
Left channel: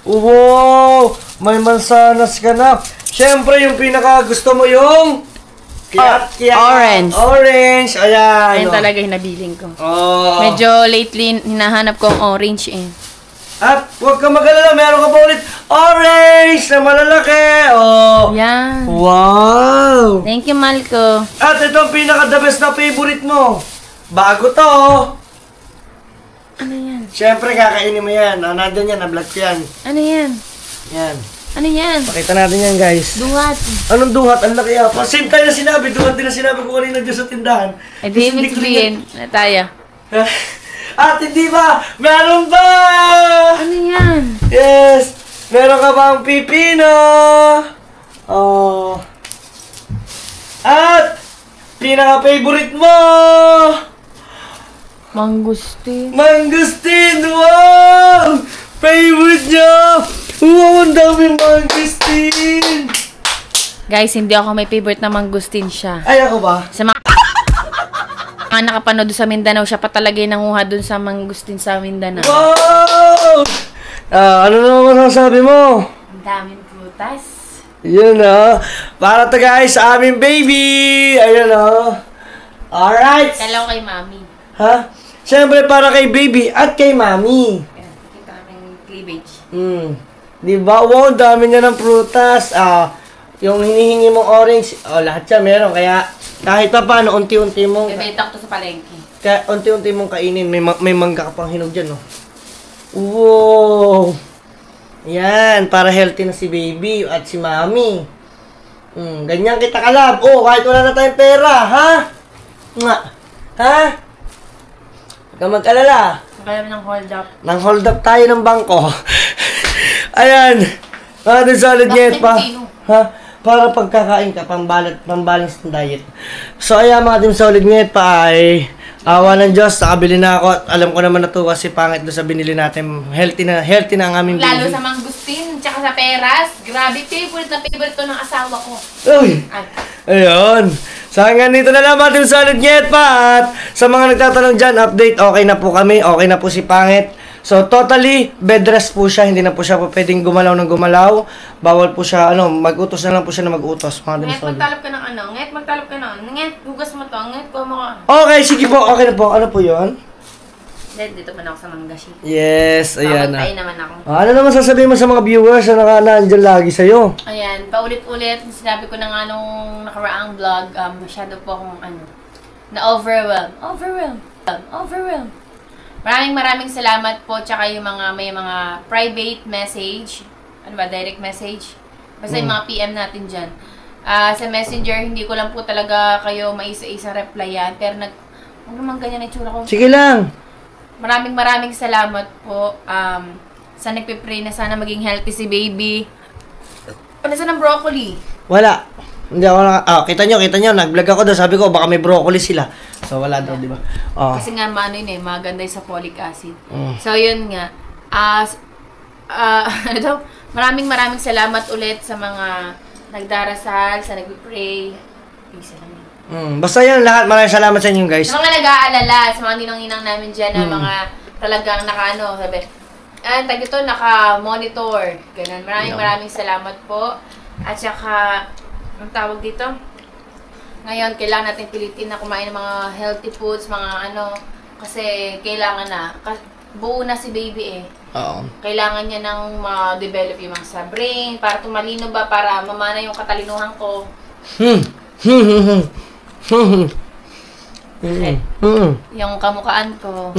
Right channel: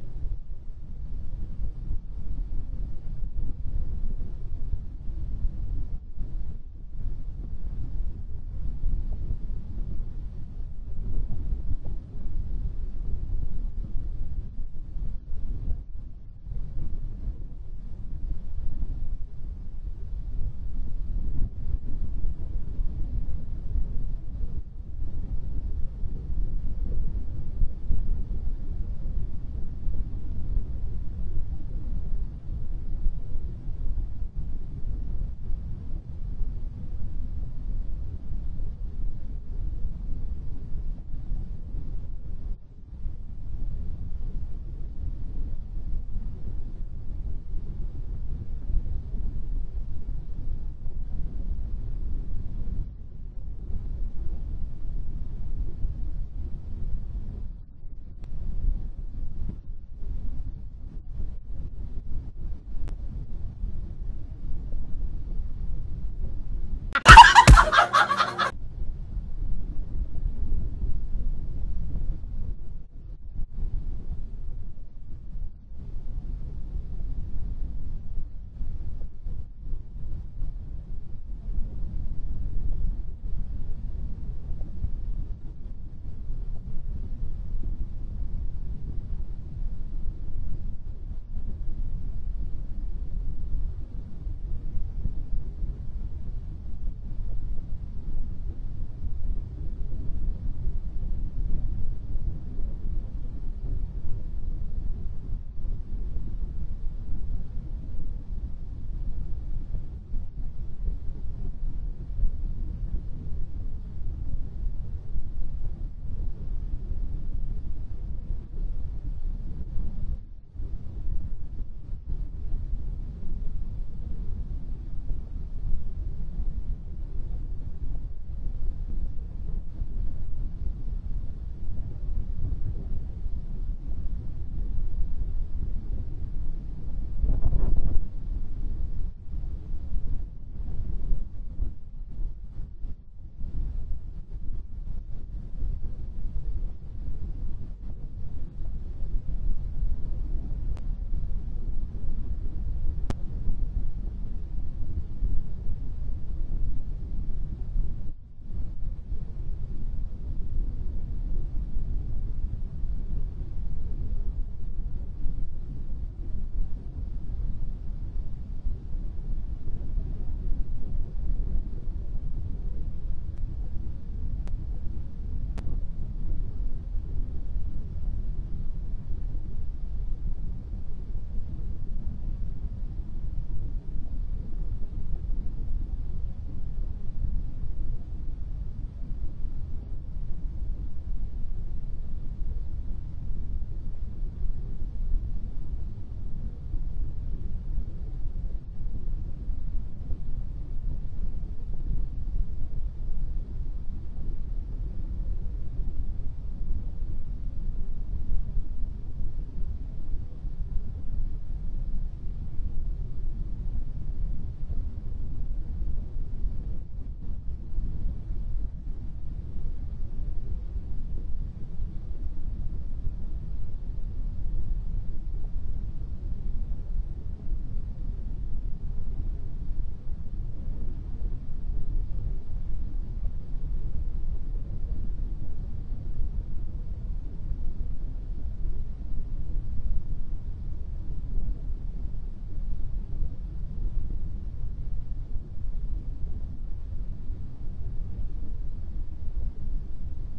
Wow! May mansanas ka na. Siyempre, yung pinaka-gusto mo yung... Orange. Orange. Ayan. Ayun talaga yung nabiling ko. Oh. Medyo lately, hinahanap ko ang orange eh. At huwag ka mag-alala, meron ka pa ulit orange na malalaki. Oh. Yan. Wow. Thank you, Malco. At ito ang pinaka-the best na favorite mo. Bago to. Ano yan? Siyempre, kakainin mo yan. Nandun yan, na-vlog ko yan. Ano yan? Yan. Ano yan? Pakita natin yan, guys. Duhat. Anong duhat? Ang laki yan. Same tayo na sinabi. Duhat din na sinabi ko kanina dyan sa tindahan. Eh, di ibig sabihin. Tayo. At hindi ba? Meron ba? Ano yan? Yes. Meron ka bang pipino? Oh. At pinaka-favorite mo. Mangustin. Mangustin! Wow! Favorite niya! Wow, ang daming mangustin! Guys, hindi ako may favorite na mangustin siya. Ay, ako ba? Sa mga nakapanood doon sa Mindanao, siya pa talaga yung nanguha doon sa mangustin sa Mindanao. Wow! Ano naman masasabi mo? Ang daming prutas. Yun para to guys sa aming baby! Ayun Alright! Kalaw kay mami. Ha? Siyempre para kay baby at kay mami. Ayan, kita kaming cleavage. Diba? Wow, dami niya ng prutas. Yung hinihingi mong orange, lahat siya meron. Kaya kahit pa paano, unti-unti mong... Bebenta ko to sa palengke. Kaya unti-unti mong kainin. May mangga ka pang hinog dyan, no? Wow! Yan, para healthy na si baby at si mami. Ganyan kita kalab. Kahit wala na tayong pera, ha? Nga. Ha? Huwag ka mag-alala. Kaya ng hold up. Nang hold up tayo ng bangko. Ayan. Mga solid diet pa. Ha? Para pagkakain ka, pambalance ng diet. So, ayan mga team solid diet pa ay awa ng Diyos, nakabili na ako at alam ko naman na to kasi pangit doon sa binili natin. Healthy na ang aming Lalo baby. sa mangustin, tsaka sa peras. Grabe, favorite na favorite to ng asawa ko. Uy! Ay. Ayun. So hanggang dito na lang mga team solid diet pa. At sa mga nagtatanong dyan, update, okay na po kami. Okay na po si Pangit. So, totally, bed rest po siya. Hindi na po siya pwedeng gumalaw ng gumalaw. Bawal po siya, mag-utos na lang po siya na mag-utos. Nget, magtalap ka ng ano? Nget, magtalap ka ng Nget, hugas mo to. Nget, kuha mo ka. Okay, sige po. Okay na po. Ano po yun? Dito pa na ako sa manggashi. Yes, ayan na. Pamatay naman ako. Ano naman sasabihin mo sa mga viewers na nandyan lagi sa'yo? Ayan, paulit-ulit. Sinabi ko na nga nung nakaraang vlog, masyado po akong na-overwhelm. Maraming salamat po, tsaka yung may mga private message, direct message, basta yung mga PM natin dyan. Sa messenger, hindi ko lang po talaga kayo maisa-isa replyan, pero huwag naman ganyan na itsura ko. Sige lang. Maraming salamat po, sa nagpipray na sana maging healthy si baby. Ano sa ng broccoli? Wala. Hindi ako kita nyo, nag-vlog ako doon, sabi ko, baka may broccoli sila. So, wala daw, di ba? Kasi nga, maganda sa folic acid. So, yun nga. Maraming salamat ulit sa mga nagdarasal, sa nag-pray. Basta yan lahat, maraming salamat sa inyo, guys. Sa mga nag-aalala, sa mga ninang-ninang namin dyan, na mga talagang naka-monitor. Ganun. Maraming salamat po. At saka, ang tawag dito? Ngayon, kailangan natin pilitin na kumain ng mga healthy foods, kasi kailangan na. Buo na si baby eh. Oo. Kailangan niya nang ma-develop yung mga sa brain, para tumalino ba, para mamana yung katalinuhan ko. Yung kamukhaan ko.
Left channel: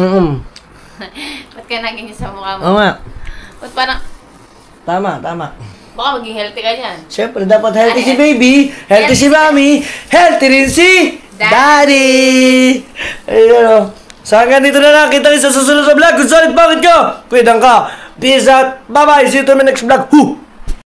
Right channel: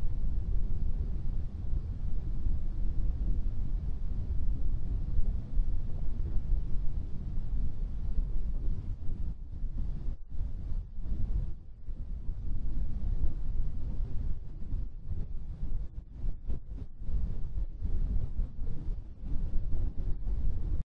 Ba't ka naging sa mukha mo? Oo nga. Ba't parang, Tama. baka maging healthy ka dyan. Siyempre, dapat healthy si baby, healthy si mami, healthy rin si daddy! Ayun So hanggang dito na lang, kita rin sa susunod sa vlog. Kung solid bakit ka, pwedang ka. Peace out, bye bye, see you to my next vlog.